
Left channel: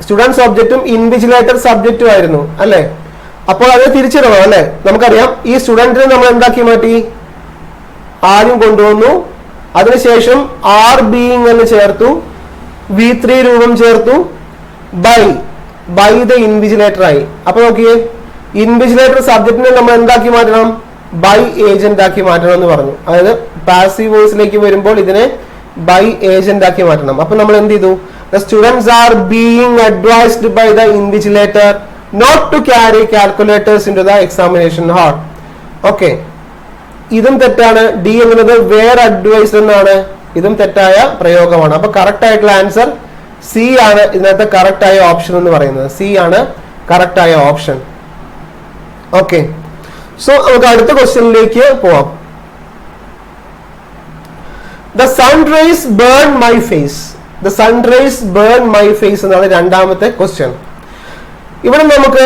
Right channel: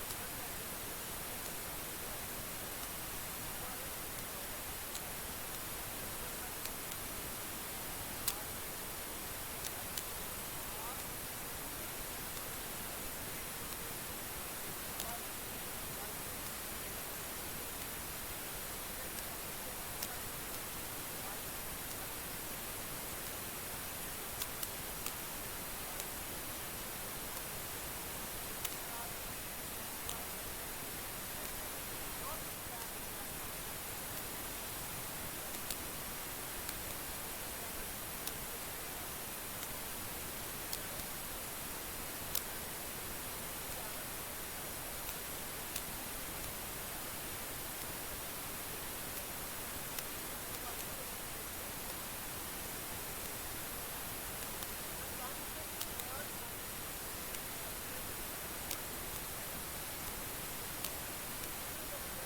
സ്റ്റുഡൻസ് ഒബ്ജക്റ്റും ഇൻവിജിലേറ്റർ സബ്ജക്റ്റും ആയിരുന്നു, അല്ലെ? അപ്പോൾ അത് തിരിച്ചിടണം, അല്ലെ? നമുക്കറിയാം ഈ സ്റ്റുഡന്റിനെ നമ്മൾ എന്താക്കി മാറ്റി? ആദ്യം കൊണ്ടുവന്നു, അതിനുശേഷം ആർ ബീയിങ് എന്ന് ചേർത്തു, V3 രൂപം ചേർത്തു, ബൈ ദ ഇൻവിജിലേറ്റർ ആയി. അപ്പൊ നോക്കിയേ, ഇൻവിജിലേറ്റർ സബ്ജക്റ്റിനെ നമ്മൾ എന്താക്കി മാറ്റണം? ബൈ ഏജന്റ് ആക്കി മാറ്റണം എന്ന് പറഞ്ഞു. അതായത് പാസീവ് വോയിസിലേക്ക് വരുമ്പോൾ ഇതിനെ ബൈ ഏജന്റ് ആക്കി മാറ്റണം. അപ്പൊ നമ്മൾ എന്ത് ചെയ്തു? The students are being advised by the invigilator not to carry calculators into the examination hall. Okay, ഇതും തെറ്റാണ്. ഡി എന്നുള്ളത് വേർ അഡ്വൈസ് എന്നാണ്. ഇതും തെറ്റായ പ്രയോഗമാണ്. അപ്പൊ കറക്റ്റ് ആയിട്ടുള്ള ആൻസർ സി ആണ് ഇതിനകത്ത് കറക്റ്റ് ആയ ഓപ്ഷൻ എന്ന് പറയുന്നത്. സി ആണ് കറക്റ്റ് ആയ ഓപ്ഷൻ. ഓക്കെ, സോ നമുക്ക് അടുത്ത ക്വസ്റ്റ്യനിലേക്ക് പോവാം. The sun rays burn my face. The sun rays burn my face എന്നാണ് രണ്ടാമത്തെ ക്വസ്റ്റ്യൻ. ഇവിടെ നമുക്ക്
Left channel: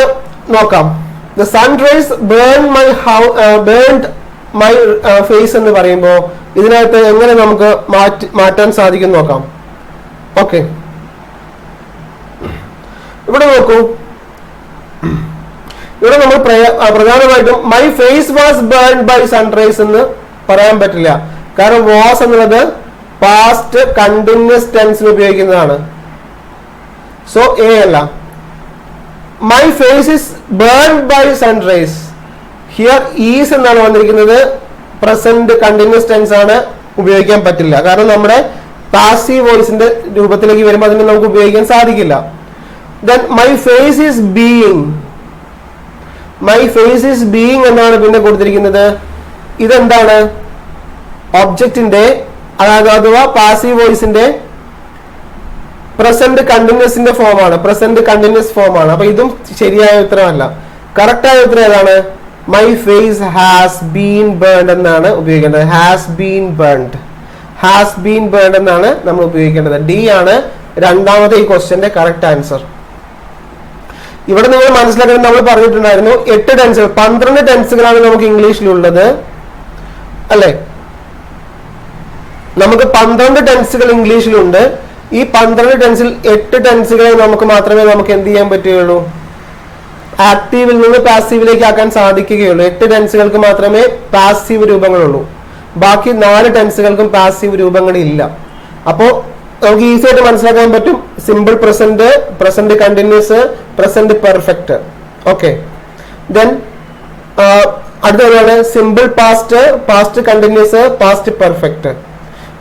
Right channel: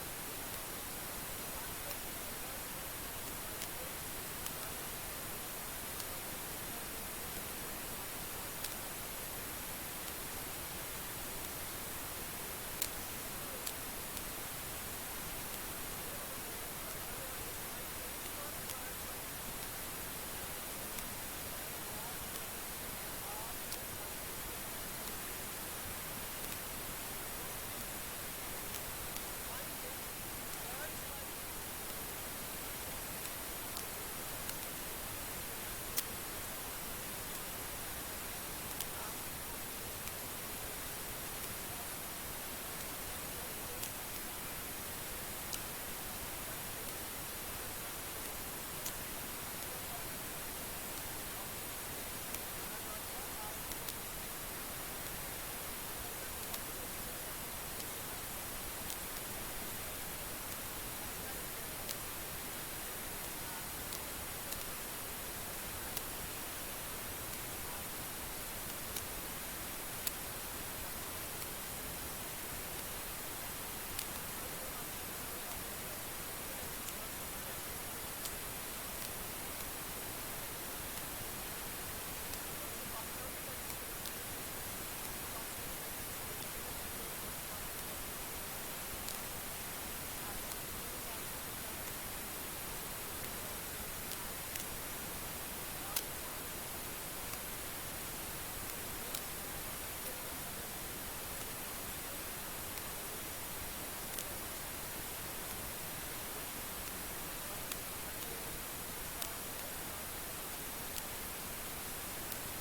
നോക്കാം. The sun rays burned my face എന്ന് പറയുമ്പോൾ ഇതിനകത്ത് എങ്ങനെ നമുക്ക് മാറ്റാൻ സാധിക്കും നോക്കാം. ഓക്കെ, ഇവിടെ നോക്കൂ. ഇവിടെ നമ്മൾ പ്രധാനമായിട്ടും my face was burned by sunrise എന്ന് പറയാൻ പറ്റില്ല. കാരണം വാസ് എന്നുള്ളത് പാസ്റ്റ് കണ്ടിന്യൂസ് ടെൻസിൽ ഉപയോഗിക്കുന്നതാണ്. സോ എ അല്ല. My face is burned by sunrise. Here is എന്നാണ് വന്നിരിക്കുന്നത്. പ്രസന്റ് കണ്ടിന്യൂസ് ടെൻസ് ആണ്, ഉപയോഗിക്കാൻ പറ്റില്ല. കാരണം നമ്മുടെ പാസീവ് വോയിസിന്റെ രൂപത്തിലേക്ക് വരുമ്പോൾ അതിനെ നമുക്ക് ഉപയോഗിക്കാൻ സാധിക്കില്ല. Then my face is being. My face is being എന്നാണ് പിന്നെ കൊടുത്തിരിക്കുന്നത്. ഇതെന്താണ്? ഒബ്ജക്റ്റിന്റെ അഥവാ പാസീവ് വോയിസിന്റെ പ്രസന്റ് കണ്ടിന്യൂസിന്റെ ഫോമാണ്. പ്രസന്റ് കണ്ടിന്യൂസ് ഫോമാണ്. അപ്പൊ ഇതും ശരിയായ ഉത്തരമല്ല. കറക്റ്റ് ആയ ഉത്തരം ഏതാണ്? My face has been burned എന്നാണ് ഉപയോഗിക്കേണ്ടത്. Has been burned. Has been burned എന്നാണ് നമ്മൾ ഉപയോഗിക്കേണ്ടത്. ഡി ആണ് രണ്ടാമത്തെ ഈ ക്വസ്റ്റ്യന്റെ കറക്റ്റ് ആൻസർ. ഇവിടെ നിങ്ങൾ മനസ്സിലാക്കുന്നത് നമ്മൾ പറഞ്ഞിട്ടുണ്ടായിരുന്നു 8 ടെൻസുകൾ 12 ടെൻസുകളാണ് നമുക്ക് ഇംഗ്ലീഷിലുള്ളത് അല്ലെ? നമുക്ക് 12 ടെൻസുകൾ ഇംഗ്ലീഷിലുണ്ട്. ഈ 12 ടെൻസിൽ 8 ടെൻസുകളെ നമുക്ക് മാത്രമേ നമുക്ക് എന്ത് ചെയ്യാൻ പറ്റുകയുള്ളൂ? ആക്റ്റീവിൽ നിന്ന് പാസീവിലേക്ക് ആക്കാൻ സാധിക്കുകയുള്ളൂ. 8 ടെൻസുകൾക്ക് മാത്രമേ പാസീവ് രൂപങ്ങളുള്ളൂ. ബാക്കി 4 ടെൻസുകൾക്കും പാസീവ് രൂപങ്ങളില്ല. അപ്പോൾ നമുക്ക് ഈസി ആയിട്ട് മനസ്സിലാക്കാൻ പറ്റും. Simple present, present continuous, present perfect. Okay, then അടുത്തതാണ് simple past, past continuous, past perfect.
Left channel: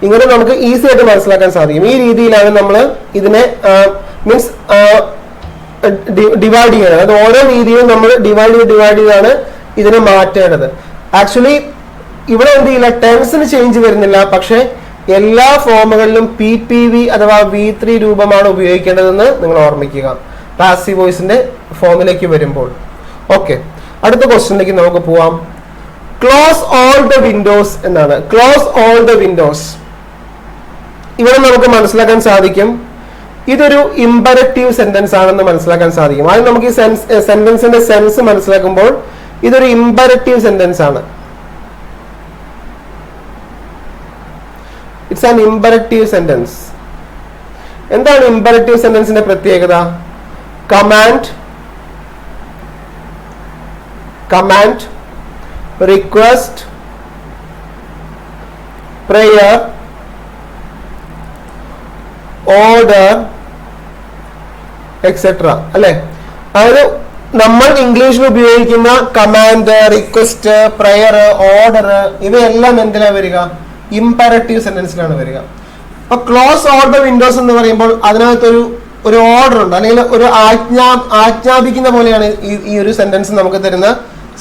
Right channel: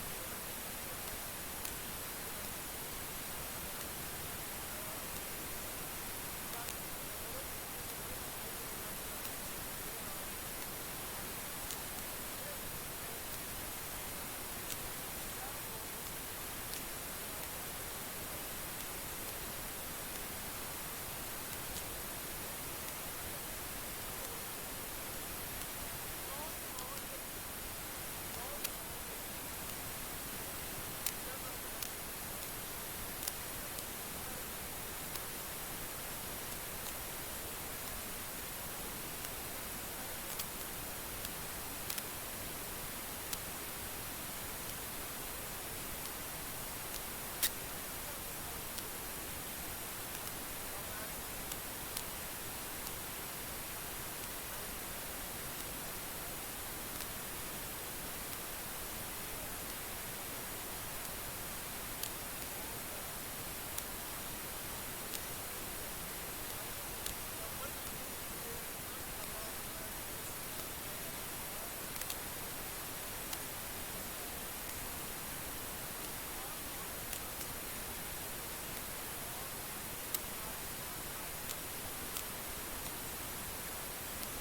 ഇങ്ങനെ നമുക്ക് ഈസി ആയിട്ട് മനസ്സിലാക്കാൻ സാധിക്കും. ഈ രീതിയിലാണ് നമ്മൾ ഇതിനെ മീൻസ് ഡിവൈഡ് ചെയ്യണത്. അത് ഓരോ രീതിയിലും നമ്മൾ ഡിവൈഡ് ചെയ്താണ് ഇതിനെ മാറ്റേണ്ടത്. ആക്ച്വലി ഇവിടെ എന്ത് ചെയ്യില്ല, ടെൻസിന് ചേഞ്ച് വരുന്നില്ല. പക്ഷെ എല്ലാ ഫോമുകളിലും PPV അഥവാ V3 രൂപമാണ് ഉപയോഗിക്കേണ്ടതെന്ന് നിങ്ങൾ ഓർമ്മിക്കുക പാസീവ് വോയിസിന്റെ ഫോമിലേക്ക് വരുമ്പോൾ. ഓക്കെ, അടുത്ത ക്വസ്റ്റ്യനിലേക്ക് നമുക്ക് പോവാം. ക്ലോസ് ഓൾ ദ വിൻഡോസ് എന്നാണ്. Close all the Windows. ഇവിടെ നമുക്ക് മനസ്സിലാക്കാൻ സാധിക്കും ഇതൊരു ഇമ്പരറ്റീവ് സെന്റൻസ് ആണെന്ന് മനസ്സിലാക്കാൻ സാധിക്കും. ആദ്യം നമുക്ക് ഈ സെന്റൻസിന്റെ സെൻസ് മനസ്സിലാക്കുമ്പോൾ ഇതൊരു ഇമ്പരറ്റീവ് സെന്റൻസ് ആണ്. It's an imperative sentence. എന്താണ് ഇമ്പരറ്റീവ് സെന്റൻസിന്റെ പ്രത്യേകത? Command, request, prayer, order etcetera അല്ലെ? അതായത് നമ്മൾ ഇംഗ്ലീഷിൽ ഉപയോഗിക്കുന്ന കമാൻഡ്, റിക്വസ്റ്റ്, പ്രയർ, ഓർഡർ ഇവയെല്ലാം എന്തിനാണ് വരിക? ഇമ്പരറ്റീവ് സെന്റൻസിലാണ് വരിക. അപ്പൊ ക്ലോസ് ഓൾ ദ വിൻഡോസ് എന്ന് പറയുമ്പോൾ അതിനകത്തൊരു ഓർഡർ ഉണ്ട്, അല്ലെങ്കിൽ ഒരു ആജ്ഞാപിക്കുന്ന പോലെയാണ് ഈ ഒരു സെന്റൻസ് നമുക്ക് തരുന്ന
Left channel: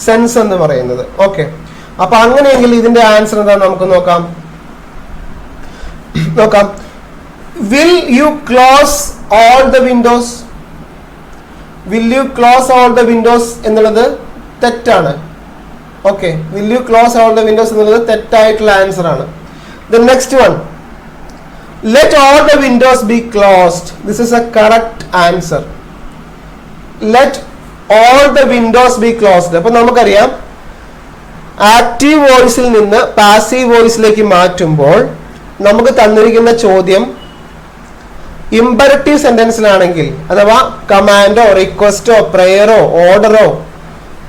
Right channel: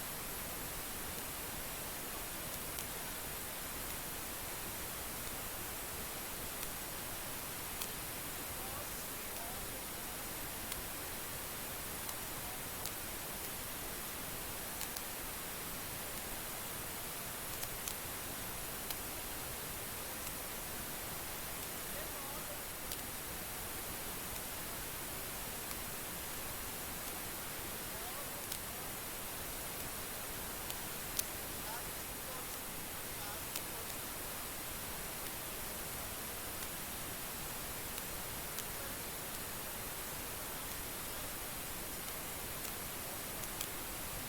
സെൻസ് എന്ന് പറയുന്നത്. ഓക്കെ, അപ്പൊ അങ്ങനെയെങ്കിൽ ഇതിന്റെ ആൻസർ എന്താ നമുക്ക് നോക്കാം. Will you close all the Windows? Will you close all the Windows എന്നുള്ളത് തെറ്റാണ്. Okay, will you close all the Windows എന്നുള്ളത് തെറ്റായിട്ടുള്ള ആൻസർ ആണ്. The next one, let all the Windows B closed. This is A correct answer. Let all the Windows B closed. അപ്പൊ നമുക്കറിയാം active വോയിസിൽ നിന്ന് passive വോയിസിലേക്ക് മാറ്റുമ്പോൾ നമുക്ക് തന്നിരിക്കുന്ന ചോദ്യം ഇമ്പരറ്റീവ് സെന്റൻസിലാണെങ്കിൽ അഥവാ കമാൻഡോ, റിക്വസ്റ്റോ, പ്രേയറോ, ഓർഡറോ,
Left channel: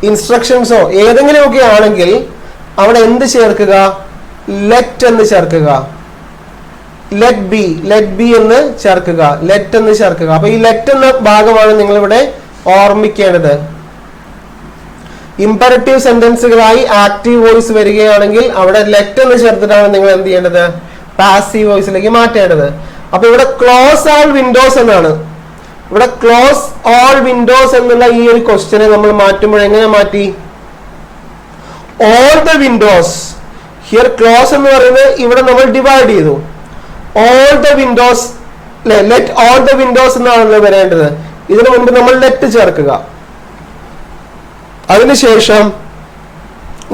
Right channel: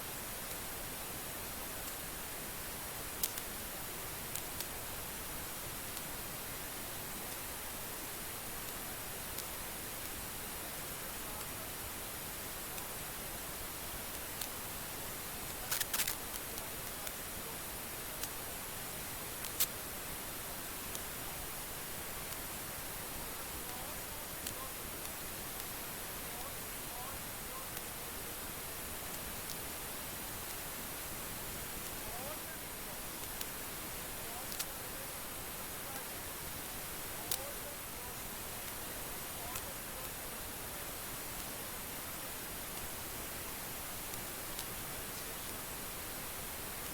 ഇൻസ്ട്രക്ഷൻസോ ഏതെങ്കിലുമൊക്കെ ആണെങ്കിൽ അവിടെ എന്ത് ചേർക്കുക? ലെറ്റ് എന്ന് ചേർക്കുക. ലെറ്റ് ബി എന്ന് ചേർക്കുക. ലെറ്റ് എന്ന് ചേർക്കുക. അപ്പൊ ഈ ലെറ്റ് എന്ന ഭാഗമാണ് നിങ്ങൾ ഇവിടെ ഓർമ്മിക്കേണ്ടത്. ഇമ്പരറ്റീവ് സെന്റൻസുകളായി ആക്റ്റീവ് വോയിസ് വരികയാണെങ്കിൽ അവിടെ ലെറ്റ് എന്ന് ചേർത്തിട്ടാണ് നിങ്ങൾ എന്ത് ചെയ്യേണ്ടത്? പാസീവ് വോയിസിലേക്ക് മാറ്റേണ്ടത്. അപ്പൊ ഇവിടെ ക്ലോസ് ആൾ വിൻഡോസ് എന്നാണ്. ഇവിടെ ക്ലോസ് ഓൾ വിൻഡോസ് എന്നുള്ള ഈ ഒരു ക്വസ്റ്റ്യനെ നമ്മൾ മാറ്റുമ്പോൾ എങ്ങനെ മാറ്റി? All the Windows. Here close എന്ന് പറയുന്നത് ഇവിടെ നമ്മൾ ഡിവൈഡ് ചെയ്തു. All the Windows, let all the Windows എന്നാണല്ലോ വരേണ്ടത്. ഇതിനു മുൻപ് നമ്മൾ ലെറ്റ് ചേർക്കുക. അതിനുശേഷം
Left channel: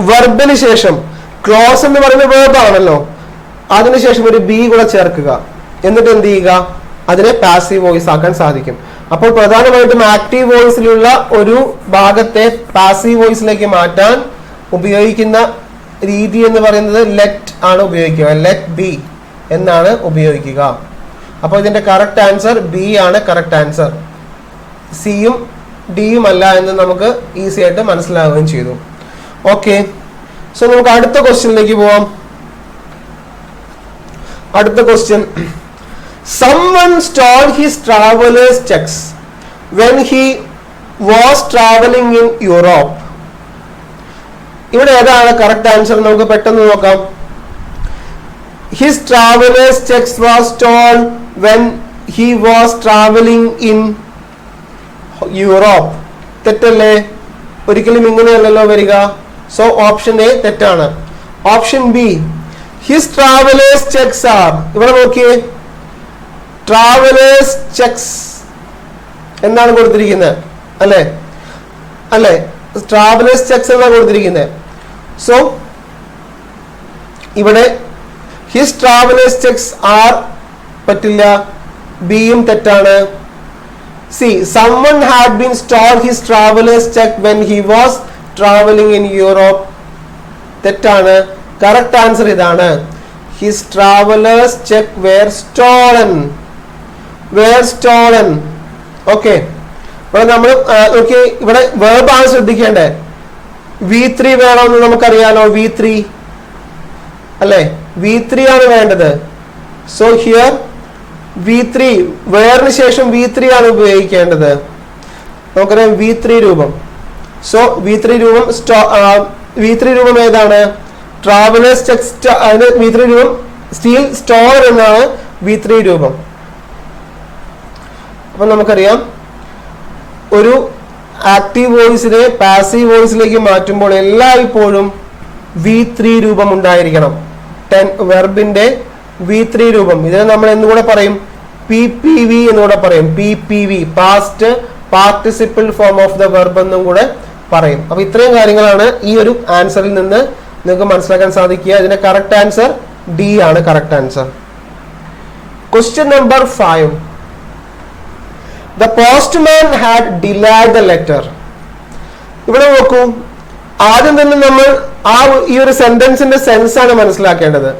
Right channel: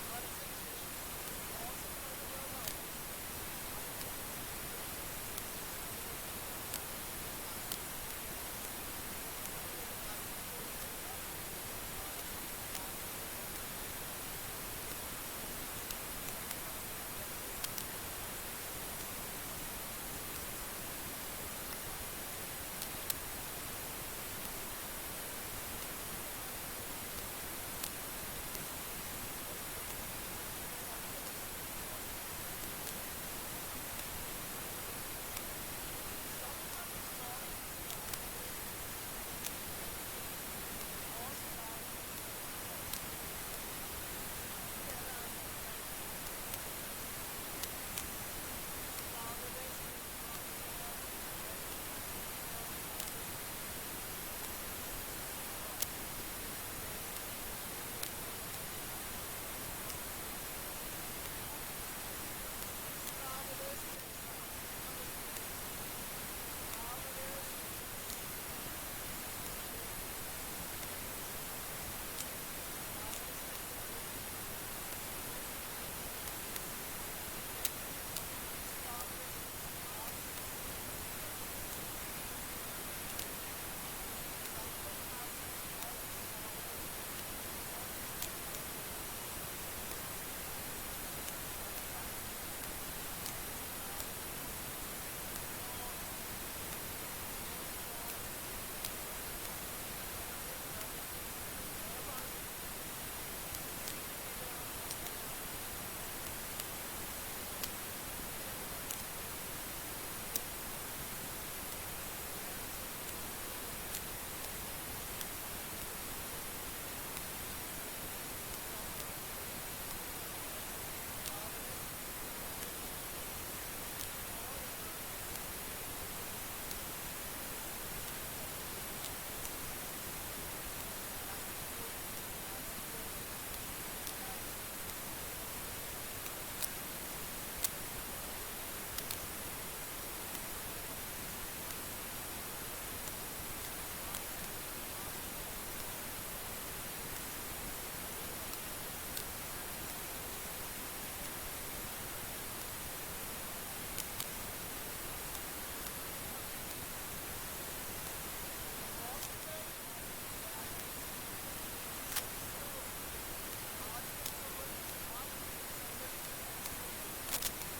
വെർബിന് ശേഷം ക്ലോസ് എന്ന് പറയുന്ന വേർബ് ആണല്ലോ, അതിനുശേഷം ഒരു ബി കൂടെ ചേർക്കുക. എന്നിട്ട് എന്ത് ചെയ്യുക? അതിനെ പാസീവ് വോയിസ് ആക്കാൻ സാധിക്കും. അപ്പോൾ പ്രധാനമായിട്ടും ആക്റ്റീവ് വോയിസിലുള്ള ഒരു ഭാഗത്തെ പാസീവ് വോയിസിലേക്ക് മാറ്റാൻ ഉപയോഗിക്കുന്ന രീതി എന്ന് പറയുന്നത് ലെറ്റ് ആണ് ഉപയോഗിക്കുക. ലെറ്റ് ബി എന്നാണ് ഉപയോഗിക്കുക. അപ്പോൾ ഇതിന്റെ കറക്റ്റ് ആൻസർ ബി ആണ് കറക്റ്റ് ആൻസർ. സിയും ഡിയും അല്ല എന്ന് നമുക്ക് ഈസി ആയിട്ട് മനസ്സിലാവുകയും ചെയ്തു. ഓക്കെ, സോ നമുക്ക് അടുത്ത ക്വസ്റ്റ്യനിലേക്ക് പോവാം. അടുത്ത question, someone stole his traveler's checks when he was traveling in Europe. ഇവിടെ ഏതാണ് കറക്റ്റ് ആൻസർ? നമുക്ക് പെട്ടെന്ന് നോക്കാം. His traveler's checks was stolen when he was traveling in Europe. തെറ്റല്ലേ? ഒരിക്കലും ഇങ്ങനെയല്ലല്ലോ വരിക. സോ ഓപ്ഷൻ എ തെറ്റാണ്. Option b, his travellers cheques are. ഇവിടെ നോക്കിയേ, ട്രാവലേഴ്സ് ചെക്സ് എന്നാണ് കൊടുത്തിരിക്കുന്നത് അല്ലേ? അല്ലേ, ട്രാവലേഴ്സ് ചെക്സ് എന്നാണ് കൊടുത്തിരിക്കുന്നത്. സോ ഇവിടെ ഹിസ് ട്രാവലേഴ്സ് ചെക്സ് ആർ പറ്റില്ല, ബിയും തെറ്റാണ്. C, someone had been stole his traveler's check when he was traveling in Europe. തെറ്റാണ്. കറക്റ്റ് ആൻസർ ഇതാണ്. His traveler's check were stolen. Okay, ഇവിടെ നമ്മൾ നോക്കി, ഇവിടെ വേർബ് ആണ് ശ്രദ്ധിക്കേണ്ടത്. V3 വേണമെന്ന് നമുക്കറിയാലോ. V3 അല്ലെ, V3 ആണ് വേണ്ടത്. സോ ഹിയർ V3, വേറിന് ശേഷം V3 ആണ് ഉപയോഗിക്കേണ്ടത്. നമുക്കറിയാം V3 രൂപം. സോ V3 രൂപം ഏതാണ്? Travellers checks. V3 രൂപം സ്റ്റീൽ സ്റ്റോർ എന്നാണ് V3 രൂപം. അപ്പൊ നമുക്കറിയാം, ഒരു ആക്റ്റീവ് വോയിസിനെ പാസീവ് വോയിസിലേക്ക് മാറ്റുമ്പോൾ എല്ലായ്പ്പോഴും V3 രൂപം ഉണ്ടായിരിക്കണം. വെർബിന്റെ V3 രൂപം. ഇതിനെ നമ്മൾ എന്നുകൂടെ പറയും? PPV എന്നുകൂടെ പറയും. PPV, past participle form of the verb എന്നും കൂടെ പറയും. അപ്പൊ ഇത്രയും കാര്യങ്ങളാണ് ഈ ഒരു ആൻസറിൽ നിന്ന് നിങ്ങൾക്ക് മനസ്സിലാക്കാൻ സാധിക്കുക. ഇതിന്റെ കറക്റ്റ് ആൻസർ ഡി ആണ് correct answer. Question number 5. The postman had delayed the letter. ഇവിടെ നോക്കൂ, ആദ്യം തന്നെ നമ്മൾ ഈ ഒരു സെന്റൻസിന്റെ സെൻസ് ആണ് മനസ്സിലാക്കേണ്ടത്.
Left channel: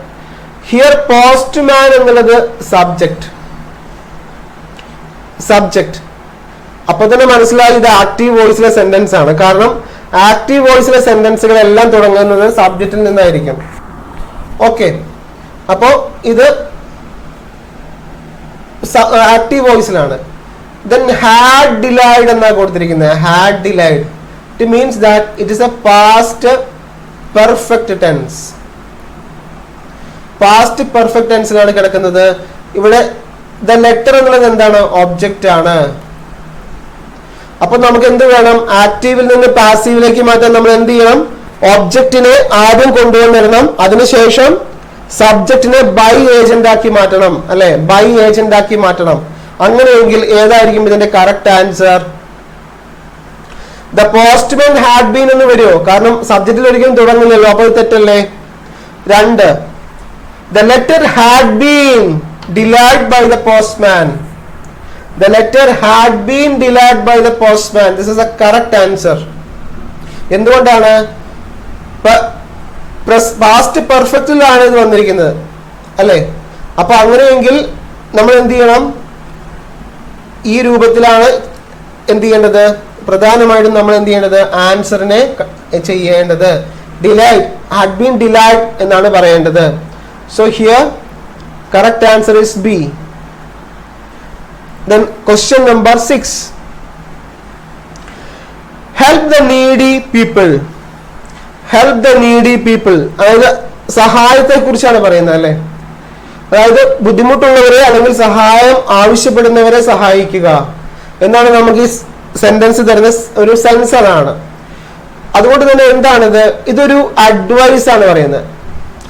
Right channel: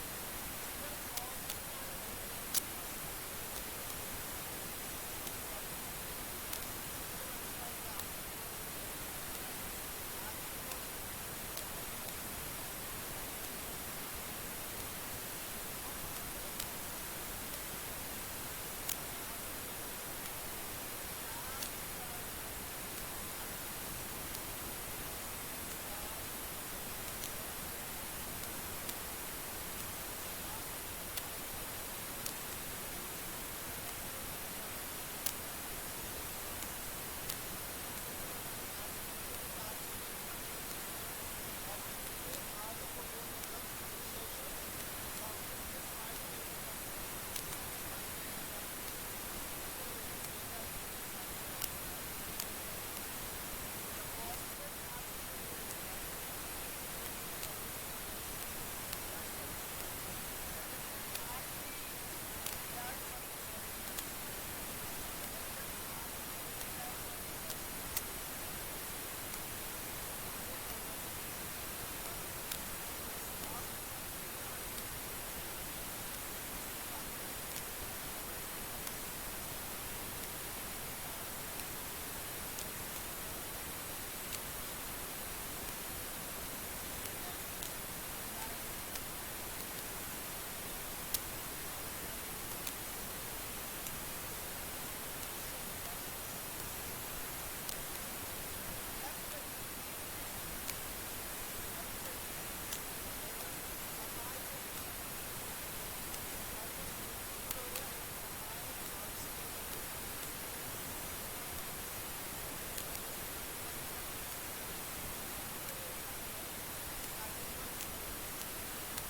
ഹിയർ പോസ്റ്റ്മാൻ എന്നുള്ളത് സബ്ജക്ട്. അപ്പൊ തന്നെ മനസ്സിലായി ഇത് ആക്റ്റീവ് വോയിസിലെ സെന്റൻസ് ആണ്. കാരണം ആക്റ്റീവ് വോയിസിലെ സെന്റൻസുകൾ എല്ലാം തുടങ്ങുന്നത് സബ്ജക്റ്റിൽ നിന്നായിരിക്കും. ഓക്കെ, അപ്പോ ഇത് ആക്റ്റീവ് വോയിസിലാണ്. Then had delayed എന്നാണ് കൊടുത്തിരിക്കുന്നത്. had delayed, it means that it is a past perfect tense. Past perfect ടെൻസിലാണ് കിടക്കുന്നത്. ഇവിടെ ദ ലെറ്റർ എന്നുള്ളത് എന്താണ്? ഒബ്ജക്റ്റ് ആണ്. അപ്പൊ നമുക്ക് എന്ത് വേണം? ആക്റ്റീവിൽ നിന്ന് പാസീവിലേക്ക് മാറ്റാൻ നമ്മൾ എന്ത് ചെയ്യണം? ഒബ്ജക്റ്റിനെ ആദ്യം കൊണ്ടുവന്നിടണം. അതിനുശേഷം സബ്ജക്റ്റിനെ ബൈ ഏജന്റ് ആക്കി മാറ്റണം അല്ലെ? ബൈ ഏജന്റ് ആക്കി മാറ്റണം. അങ്ങനെയെങ്കിൽ ഏതായിരിക്കും ഇതിന്റെ correct answer? The postman had been എന്ന് വരുമോ? കാരണം സബ്ജക്റ്റിൽ ഒരിക്കലും തുടങ്ങുന്നില്ലല്ലോ. അപ്പോൾ തെറ്റല്ലേ? 2, the letter had been delayed by the postman. The letter had been delayed by the postman. This is a correct answer. എന്തുകൊണ്ടാണ്? പാസ്റ്റ് പെർഫെക്റ്റിലാണ് ഇത് വന്നിരിക്കുന്നത് അല്ലെ? അപ്പൊ അങ്ങനെയെങ്കിൽ നമ്മൾ എന്ത് ചെയ്യണം? ഈ രൂപത്തിലാണ് എന്ത് ചെയ്യേണ്ടത്? പ്രധാനമായിട്ടും നമ്മൾ എന്ത് ചെയ്യേണ്ടത്? ആൻസറിനെ ചെയ്യേണ്ടത്. ഡിലൈഡ്, ഹാഡ് ബീൻ ഡിലൈഡ് എന്നാണ് പറയേണ്ടത്. So here correct answer is B. Then question number 6. Help the needy people. Help the needy people. അതായത് സഹായത്തെ കുറിച്ചാണ് പറയുന്നത് അല്ലെ? അതായത് ബുദ്ധിമുട്ടുള്ളവരെ അല്ലെങ്കിൽ സഹായം ആവശ്യപ്പെടുന്നവരെ സഹായിക്കുക എന്നാണ് നമുക്ക് ഈ സെന്റൻസ് തരുന്ന ഒരു സെൻസറാണ്. അതുകൊണ്ട് തന്നെ എന്താണിത്? ഇതൊരു അഡ്വൈസ് ആണ് പറയുന്നത്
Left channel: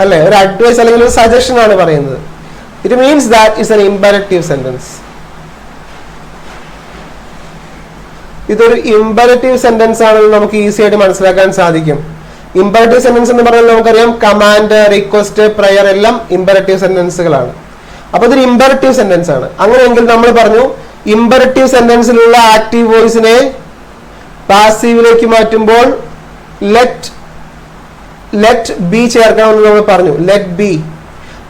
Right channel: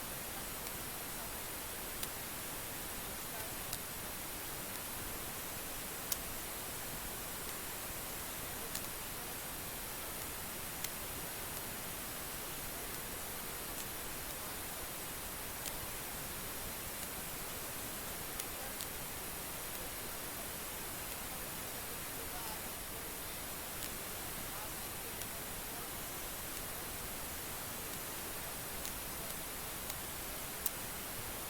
അല്ലെ, ഒരു അഡ്വൈസ് അല്ലെങ്കിൽ ഒരു സജഷൻ ആണ് പറയുന്നത്. It means that is an imperative sentence. ഇതൊരു ഇംപെറേറ്റീവ് സെന്റൻസ് ആണെന്ന് നമുക്ക് ഈസി ആയിട്ട് മനസ്സിലാക്കാൻ സാധിക്കും. ഇംപെറേറ്റീവ് സെന്റൻസ് എന്ന് പറഞ്ഞാൽ നമുക്കറിയാം കമാൻഡ്, റിക്വസ്റ്റ്, പ്രയർ എല്ലാം ഇംപെറേറ്റീവ് സെന്റൻസുകളാണ്. അപ്പൊ ഇതൊരു ഇംപെറേറ്റീവ് സെന്റൻസ് ആണ്. അങ്ങനെയെങ്കിൽ നമ്മൾ പറഞ്ഞു ഇംപെറേറ്റീവ് സെന്റൻസിലുള്ള ആക്റ്റീവ് വോയിസിനെ പാസീവിലേക്ക് മാറ്റുമ്പോൾ ലെറ്റ് ബി ചേർക്കണമെന്ന് നമ്മൾ പറഞ്ഞു. Let be.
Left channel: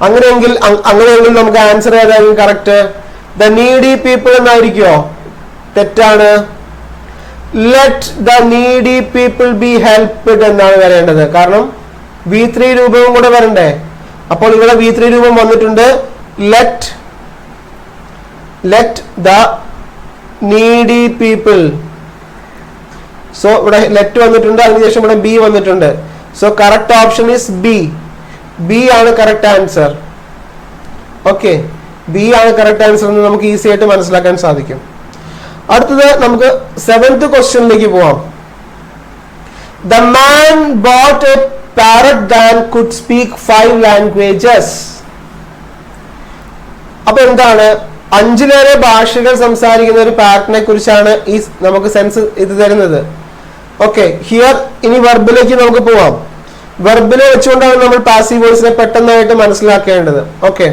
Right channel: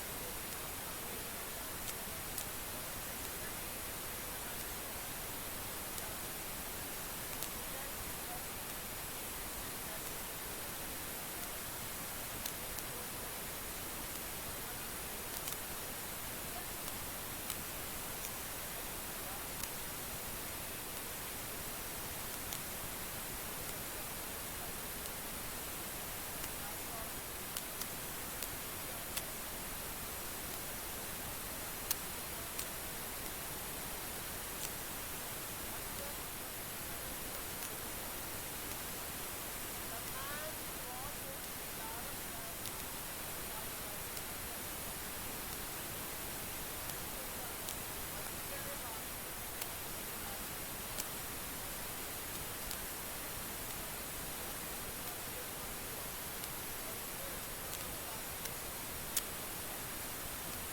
അങ്ങനെയെങ്കിൽ നമുക്ക് ആൻസർ ഏതായിരിക്കും കറക്റ്റ്? ദ നീഡി പീപ്പിൾ എന്നായിരിക്കുമോ? തെറ്റാണ്. Let the needy people be helped എന്നാണ് വരേണ്ടത്. കാരണം V3 രൂപവും കൂടെ വരണ്ടേ. അപ്പോൾ ഇവിടെ V3 രൂപം വന്നിട്ടുണ്ട്. Let the needy people. So ഇവിടെ ലെറ്റ് വന്നിട്ടുണ്ട്, അതിനുശേഷം ഇവിടെ ബി വന്നിട്ടുണ്ട്. So correct option is B. B ആണ് കറക്റ്റ് ആൻസർ. ഓക്കെ, ബി ആണ് കറക്റ്റ് ആൻസർ എന്ന് നമുക്ക് ഈസി ആയിട്ട് മനസ്സിലാക്കാൻ സാധിക്കും. അടുത്തത് നമുക്ക് 7th ക്വസ്റ്റ്യനിലേക്ക് പോവാം. The man boat A parrot that could speak 5 languages. അപ്പൊ എന്താണ്? 5ലേറെ ഭാഷകൾ സംസാരിക്കുന്ന ഒരു പാരറ്റിനെ കുറിച്ചാണ് ഈ നമുക്ക് സെൻസ് ഇത് തരുന്നത്. ഓക്കെ, ഹിയർ ഇനി വെർബിലേക്ക് നമുക്ക് പോവാം. വെർബിനെ വെച്ചുകൊണ്ടാണ് നമ്മൾ പാസീവ് വോയിസിനെ പെട്ടെന്നായിട്ട് മനസ്സിലാക്കേണ്ടത്. ഓക്കെ,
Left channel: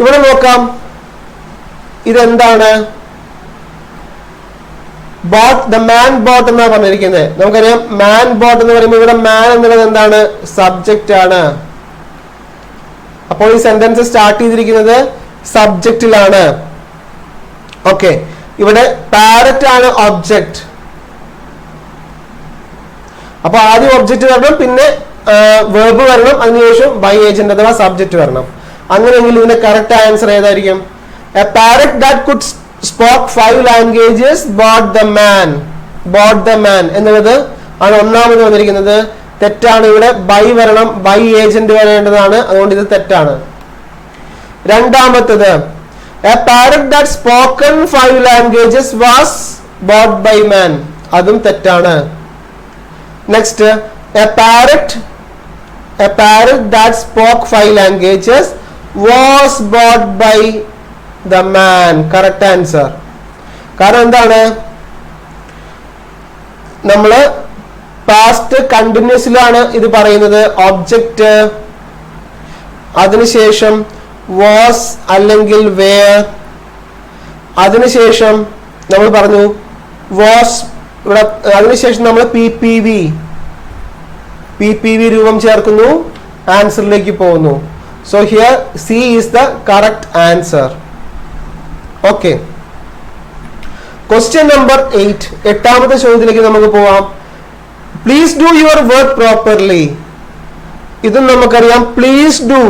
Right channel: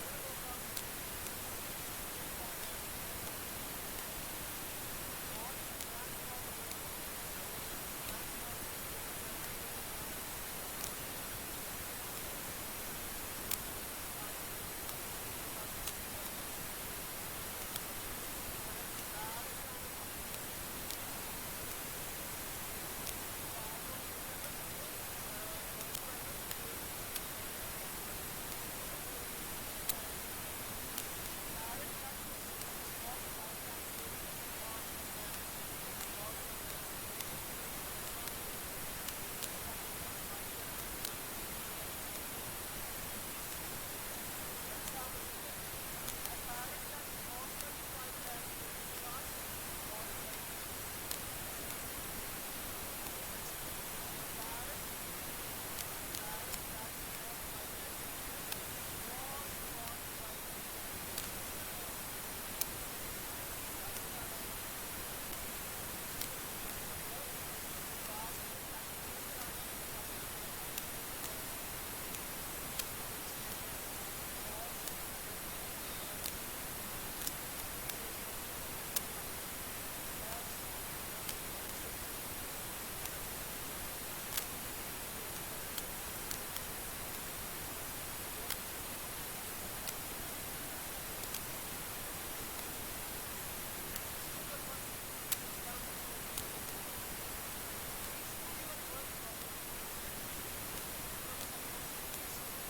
ഇവിടെ നോക്കാം. ഇതെന്താണ്? ബോട്ട്, ദ മാൻ ബോട്ട് എന്നാണ് പറഞ്ഞിരിക്കുന്നത്. നമുക്കറിയാം മാൻ ബോട്ട് എന്ന് പറയുമ്പോൾ ഇവിടെ മാൻ എന്നുള്ളത് എന്താണ്? സബ്ജക്റ്റ് ആണ്. അപ്പോൾ ഈ സെന്റൻസ് സ്റ്റാർട്ട് ചെയ്തിരിക്കുന്നത് സബ്ജക്റ്റിലാണ്. ഓക്കെ, ഇവിടെ പാരറ്റ് ആണ് ഒബ്ജക്റ്റ്. അപ്പൊ ആദ്യം ഒബ്ജക്റ്റ് വരണം, പിന്നെ വെർബ് വരണം, അതിനുശേഷം ബൈ ഏജന്റ് അഥവാ സബ്ജക്റ്റ് വരണം. അങ്ങനെയെങ്കിൽ ഇതിന്റെ കറക്റ്റ് ആൻസർ ഏതായിരിക്കും? A parrot that could spoke 5 languages boat the man. Boat the man എന്നുള്ളത് ആണ് ഒന്നാമത് വന്നിരിക്കുന്നത്. തെറ്റാണ്. ഇവിടെ ബൈ വരണം, ബൈ ഏജന്റ് വരേണ്ടതാണ്. അതുകൊണ്ട് ഇത് തെറ്റാണ്. രണ്ടാമത്തത് a parrot that spoken 5 languages was bought by man. അതും തെറ്റാണ്. Next a parrot that spoke 5 languages was bought by the man. Correct answer. കാരണം എന്താണ്? നമ്മള് പാസ്റ്റ് കണ്ടിന്യൂസിലാണ് ഇത് പറയുന്നത്. ഒബ്ജക്റ്റ്, അതിനുശേഷം വാസ് അല്ലെങ്കിൽ വേർ, അതിനുശേഷം നമ്മൾ പറഞ്ഞു വാസ്. ഇവിടെ അതിനുശേഷം നമ്മൾ PPV രൂപം ചേർക്കുന്നു, ആൻസറിലേക്ക് പോകുന്നു. So here c is the correct answer. Okay, question number 8. 8ാമത്തെ ചോദ്യത്തിലേക്ക് നമുക്ക് പോവാം. Please do your work properly. ഇതും നമുക്കറിയാം. Please do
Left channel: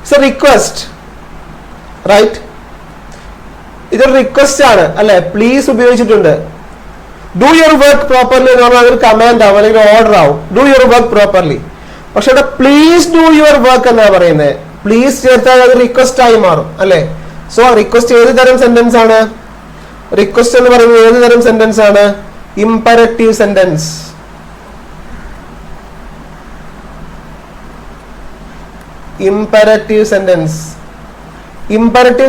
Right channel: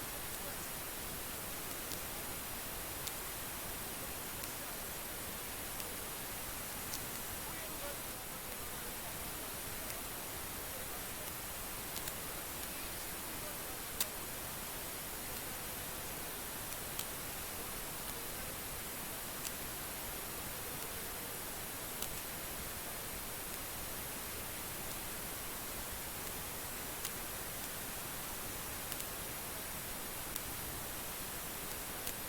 it's a request, right? ഇതൊരു റിക്വസ്റ്റ് ആണ് അല്ലെ? പ്ലീസ് ഉപയോഗിച്ചിട്ടുണ്ട്. ഡു യുവർ വർക്ക് പ്രോപ്പർലി എന്ന് പറഞ്ഞാൽ അതൊരു കമാൻഡ് ആവും അല്ലെങ്കിൽ ഓർഡർ ആവും. Do your work properly. പക്ഷെ ഇവിടെ പ്ലീസ് ഡു യുവർ വർക്ക് എന്നാ പറയുന്നത്. പ്ലീസ് ചേർത്താൽ അത് റിക്വസ്റ്റ് ആയി മാറും അല്ലെ? സോ റിക്വസ്റ്റ് ഏത് തരം സെന്റൻസ് ആണ്? റിക്വസ്റ്റ് എന്ന് പറയുന്നത് ഏത് തരം സെന്റൻസ് ആണ്? Imperative sentence. ഇംപെറേറ്റീവ്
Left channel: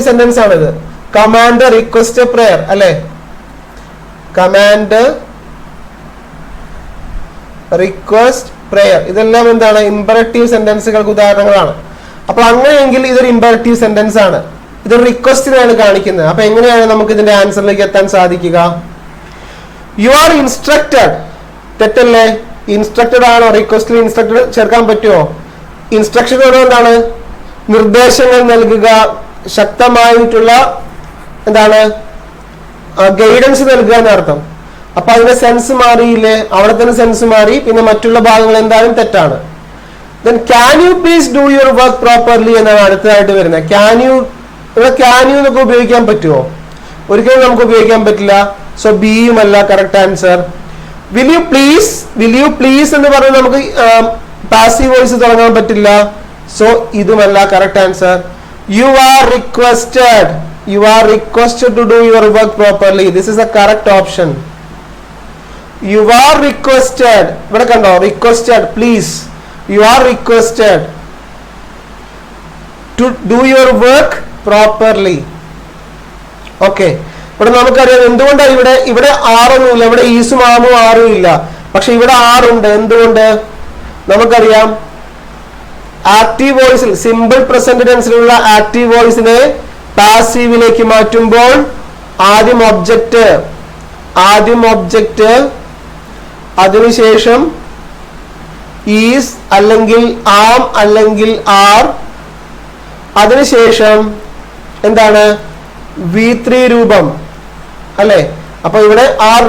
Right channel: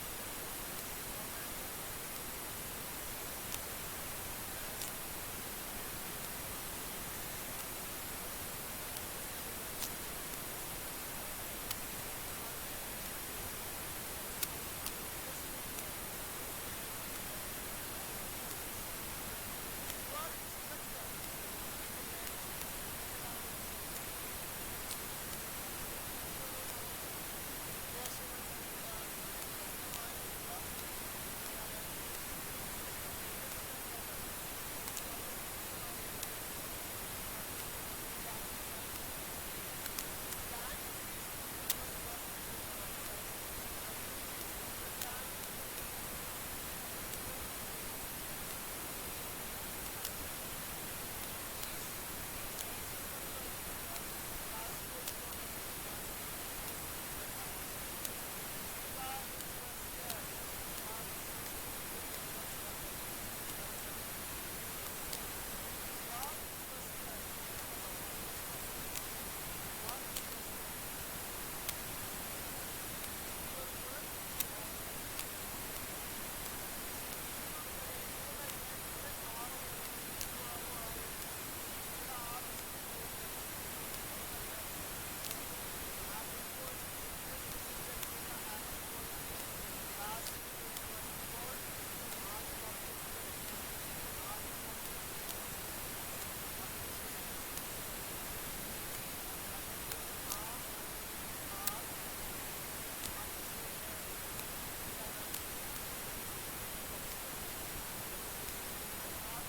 സെന്റൻസ് ആണിത്. കമാൻഡ്, റിക്വസ്റ്റ്, പ്രയർ അല്ലെ? കമാൻഡ്, റിക്വസ്റ്റ്, പ്രയർ ഇതെല്ലാം എന്താണ്? ഇംപെറേറ്റീവ് സെന്റൻസുകൾക്ക് ഉദാഹരണങ്ങളാണ്. അപ്പൊ അങ്ങനെയെങ്കിൽ ഇതൊരു ഇംപെറേറ്റീവ് സെന്റൻസ് ആണ്. ഇതൊരു റിക്വസ്റ്റിനാണ് കാണിക്കുന്നത്. അപ്പൊ എങ്ങനെയാണ് നമുക്ക് ഇതിന്റെ ആൻസറിലേക്ക് എത്താൻ സാധിക്കുക? You are instructed. തെറ്റല്ലേ? ഇൻസ്ട്രക്റ്റഡ് ആണോ? റിക്വസ്റ്റിൽ ഇൻസ്ട്രക്റ്റഡ് ചേർക്കാൻ പറ്റുമോ? ഇൻസ്ട്രക്ഷൻ എന്താണ്? നിർദ്ദേശങ്ങൾ നൽകുക, ശക്തമായിട്ടുള്ള എന്താണ് ഗൈഡൻസ് നൽകുക എന്നർത്ഥം. അപ്പൊ അതിന്റെ സെൻസ് മാറിയില്ലേ? അവിടെ തന്നെ സെൻസ് മാറി. പിന്നെ മറ്റുള്ള ഭാഗങ്ങൾ എന്തായാലും തെറ്റാണ്. Then can you please do your work properly എന്നാണ് അടുത്തതായിട്ട് വരുന്നത്. ഇവിടെ ക്യാൻ യു എന്നൊക്കെ ഉപയോഗിക്കാൻ പറ്റുമോ? ഒരിക്കലും നമുക്ക് ഉപയോഗിക്കാൻ പറ്റില്ല. സോ ബിയും അല്ല correct answer. Will you please എന്ന് പറഞ്ഞാൽ നമുക്ക് പാസീവ് വോയിസ് തുടങ്ങാൻ പറ്റില്ല. സോ ഇതുമല്ല correct answer. You are requested to do your work properly. This is the correct option. You are requested. ഇവിടെ കണ്ടോ, requested, please. You are requested to do your work properly. Okay. ഇവിടെ നമുക്കറിയാം എന്തുകൊണ്ടാണ് ഇവിടെ ആറൊന്നുമില്ല, ഇവിടെ ഈസും ആമും ആറും ഇല്ല, പക്ഷെ ഇവിടെ ആറുണ്ട്. എന്തുകൊണ്ട് നമുക്കറിയാം. ആക്റ്റീവ് വോയിസിൽ, സിമ്പിൾ പ്രസന്റ് ടെൻസിലുള്ള ആക്റ്റീവ് വോയിസിനെ പാസീവിലേക്ക് മാറ്റുമ്പോൾ ആദ്യം ഒബ്ജക്റ്റ് അതിനുശേഷം ഈസ് അല്ലെങ്കിൽ ആം അല്ലെങ്കിൽ ആർ, അതിനുശേഷം എന്താണ് V3 രൂപം അല്ലെ. അപ്പൊ ഇവിടെ ആർ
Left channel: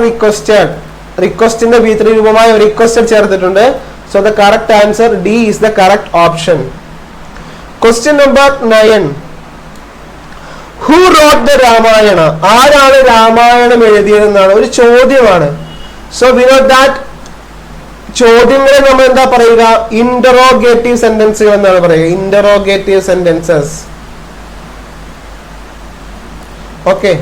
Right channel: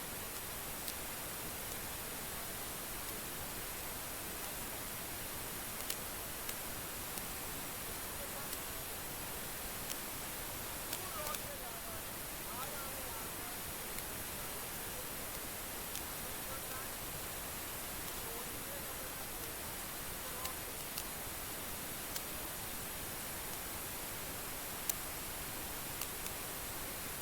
റിക്വസ്റ്റിന്റെ V3 രൂപമായ റിക്വസ്റ്റഡ് ചേർത്തിട്ടുണ്ട്. So the correct answer D is the correct option. Question number 9. Who wrote the Ramayana? ആരാണ് രാമായണം എഴുതിയതെന്നാണ് ഒരു ചോദ്യമാണ്. സോ വി നോ ദാറ്റ് ചോദ്യങ്ങളെ നമ്മൾ എന്താ പറയുക, ഇന്ററോഗേറ്റീവ് സെന്റൻസുകൾ എന്നാണ് പറയുക. Interrogative sentences. Okay,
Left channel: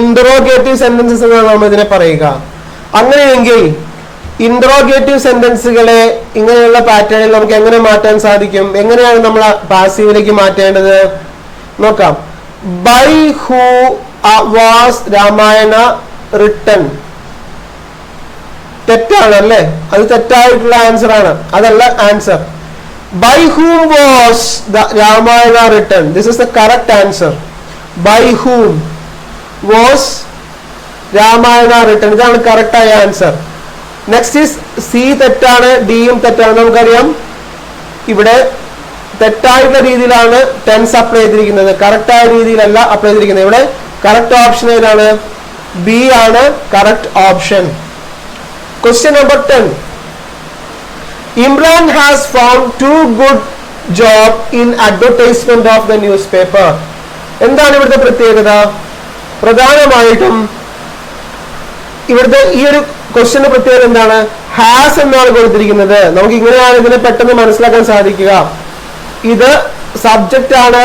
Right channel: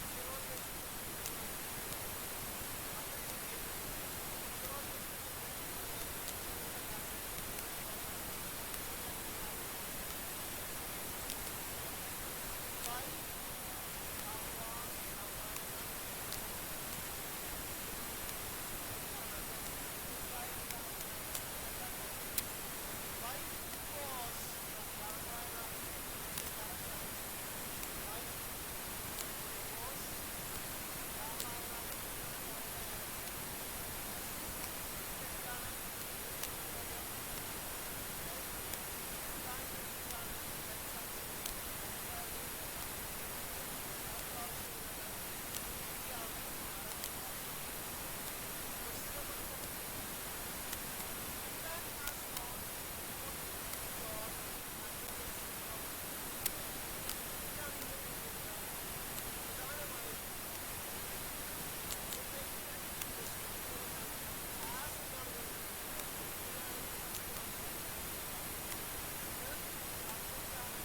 interrogative sentences എന്നാണ് നമ്മൾ ഇതിനെ പറയുക. അങ്ങനെയെങ്കിൽ ഇന്ററോഗേറ്റീവ് സെന്റൻസുകളെ ഇങ്ങനെയുള്ള പാറ്റേണിൽ നമുക്ക് എങ്ങനെ മാറ്റാൻ സാധിക്കും? എങ്ങനെയാണ് നമ്മൾ പാസീവിലേക്ക് മാറ്റേണ്ടത് നോക്കാം. By who was Ramayana written? തെറ്റാണ് അല്ലേ? അത് തെറ്റായിട്ടുള്ള ആൻസർ ആണ്, അതല്ല answer. By whom was the Ramayana written? This is the correct answer. By whom was Ramayana written? ഇതാണ് കറക്റ്റ് ആയ ആൻസർ. നെക്സ്റ്റ് ഈസ് സി തെറ്റാണ്, ഡിയും തെറ്റാണ്. നമുക്കറിയാം ഇവിടെ തെറ്റായിട്ടുള്ള രീതിയിലാണ് ടെൻസ് അപ്ലൈ ചെയ്തിരിക്കുന്നത്, കറക്റ്റ് ആയ രീതിയിലല്ല അപ്ലൈ ചെയ്തിരിക്കുന്നത്. ഇവിടെ കറക്റ്റ് ഓപ്ഷൻ ഏതാണ്? ബി ആണ് correct option. Question number 10. Imran has found too good job in advertisement of the newspaper. എന്താണ് ഇവിടുത്തെ പ്രത്യേകത? പ്രധാനമായിട്ടും ഇവിടുത്തെ ഈ ഒരു ക്വസ്റ്റ്യന്റെ പ്രത്യേകത എന്താണ്? ഹാസ് എന്നാണ് കൊടുത്തിരിക്കുന്നത്. നമുക്ക് ഇങ്ങനെയാണ് ഇതിനെ പെട്ടെന്ന് മനസ്സിലാക്കാൻ സാധിക്കുക. ഇത് സബ്ജക്റ്റ് ആണ്,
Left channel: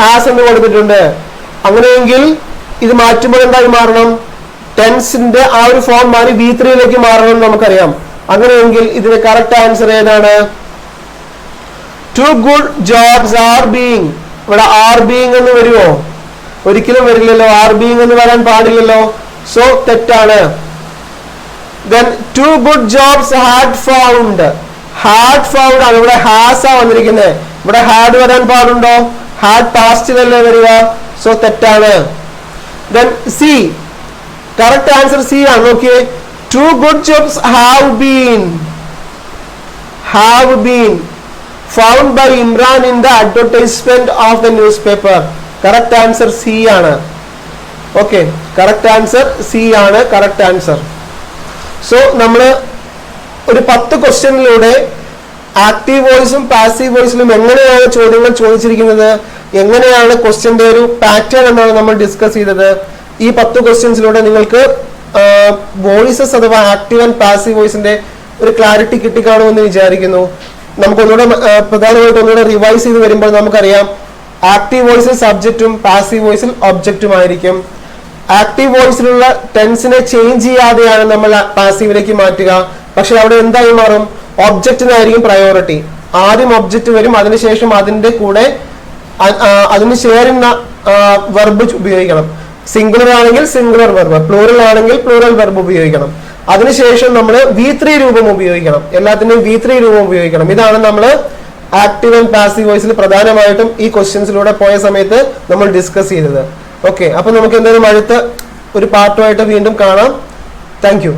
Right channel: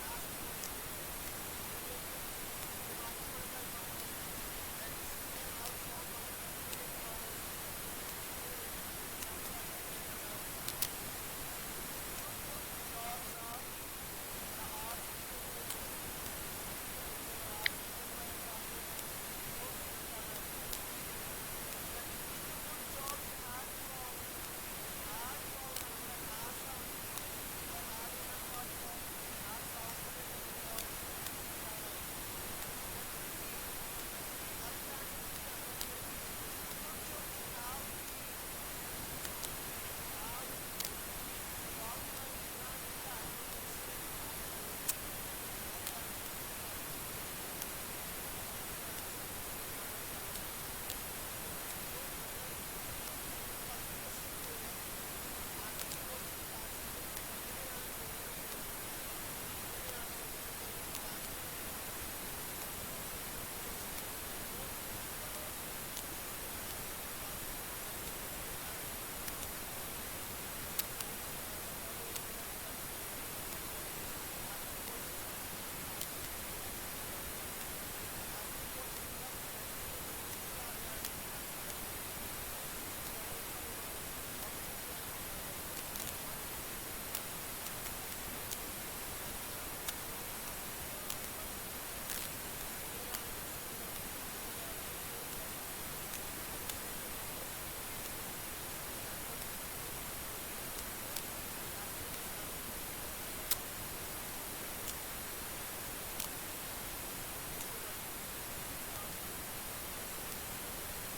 ഹാസ് എന്ന് കൊടുത്തിട്ടുണ്ട്. അങ്ങനെയെങ്കിൽ ഇത് മാറ്റുമ്പോൾ എന്തായി മാറണം? ടെൻസിന്റെ ആ ഒരു ഫോം മാറി V3 മാറണം എന്ന് നമുക്കറിയാം. അങ്ങനെയെങ്കിൽ ഇതിന് കറക്റ്റ് ആൻസർ ഏതാണ്? Two good jobs are being. ഇവിടെ ആർ ബീയിങ് എന്ന് വരുമോ? ഒരിക്കലും വരില്ലല്ലോ. ആർ ബീയിങ് എന്ന് വരാൻ പാടില്ലല്ലോ. സോ തെറ്റാണ്. Then two good jobs had found. Had found ആണ്, ഇവിടെ ഹാസ് ആ വന്നിരിക്കുന്നത്. ഇവിടെ ഹാഡ് വരാൻ പാടുണ്ടോ? ഹാഡ് പാസ്റ്റിലല്ലേ വരിക. സോ തെറ്റാണ്. Then C, correct answer C ആണ്. നോക്കിയേ, two good jobs have been found by Imran in the advertisement of the newspaper. Correct answer C ആണ്. Okay, correct answer C ആണ് correct answer. So നമ്മൾ ഒരു 10 ക്വസ്റ്റ്യനിലൂടെ active വോയിസും passive വോയിസിലും എങ്ങനെയാണ് ചോദ്യങ്ങൾ ചോദിച്ചിരിക്കുന്നത്, എങ്ങനെയാണ് ക്വസ്റ്റ്യന്റെ ഒരു പാറ്റേൺ എന്നാണ് നമ്മൾ ഡിസ്കസ് ചെയ്തത്. ഈ 10 ക്വസ്റ്റ്യൻസിലൂടെ നിങ്ങൾക്ക് വോയിസസ് അഥവാ ആക്റ്റീവ് ആൻഡ് പാസീവ് വോയിസിന്റെ ഒരു ക്ലാരിറ്റി കിട്ടിക്കാണുമെന്ന് വിചാരിക്കുന്നു. നമുക്ക് പ്രധാനമായിട്ട് ഒന്നുകൂടെ റിവൈസ് ചെയ്ത് വരുമ്പോൾ നമുക്കറിയാം ആക്റ്റീവ് വോയിസിൽ സബ്ജക്റ്റും പാസീവ് വോയിസിൽ ഒബ്ജക്റ്റും ആയിരിക്കും. ആക്റ്റീവ് വോയിസിലുള്ള ടെൻസിനെ ചേഞ്ച് ചെയ്യാതെയാണ് നമ്മൾ പാസീവിലേക്ക് മാറ്റുക. പക്ഷെ അവിടെ എന്തായി മാറും? ഒബ്ജക്റ്റിനായിരിക്കും പ്രയോറിറ്റി. ആദ്യം ഒബ്ജക്റ്റ് വരും, അതിനുശേഷം അതിന്റെ കൂടെ അതിന് ചേരുന്ന വെർബ് ഉപയോഗിക്കണം. സിംഗുലർ ആണെങ്കിൽ സിംഗുലർ വെർബ്, പ്ലൂറൽ ആണെങ്കിൽ പ്ലൂറൽ വെർബ് ഉപയോഗിക്കണം. അതിനുശേഷം നമ്മൾ V3 രൂപം ഉപയോഗിക്കണം. എല്ലാത്തിന്റെയും V3 രൂപം ഉപയോഗിക്കണം. ഇതാണ് നമ്മൾ ആക്റ്റീവ് ആൻഡ് പാസീവ് വോയിസിൽ പ്രധാനമായിട്ടും ഈ ക്വസ്റ്റ്യൻസിലൂടെ പോയ സമയത്ത് നമ്മൾ ഡിസ്കസ് ചെയ്തത്. ഓക്കെ, അപ്പൊ നമുക്ക് എന്തായാലും അടുത്ത ഒരു പാർട്ടുമായിട്ട് വീണ്ടും കാണാം. Thank you.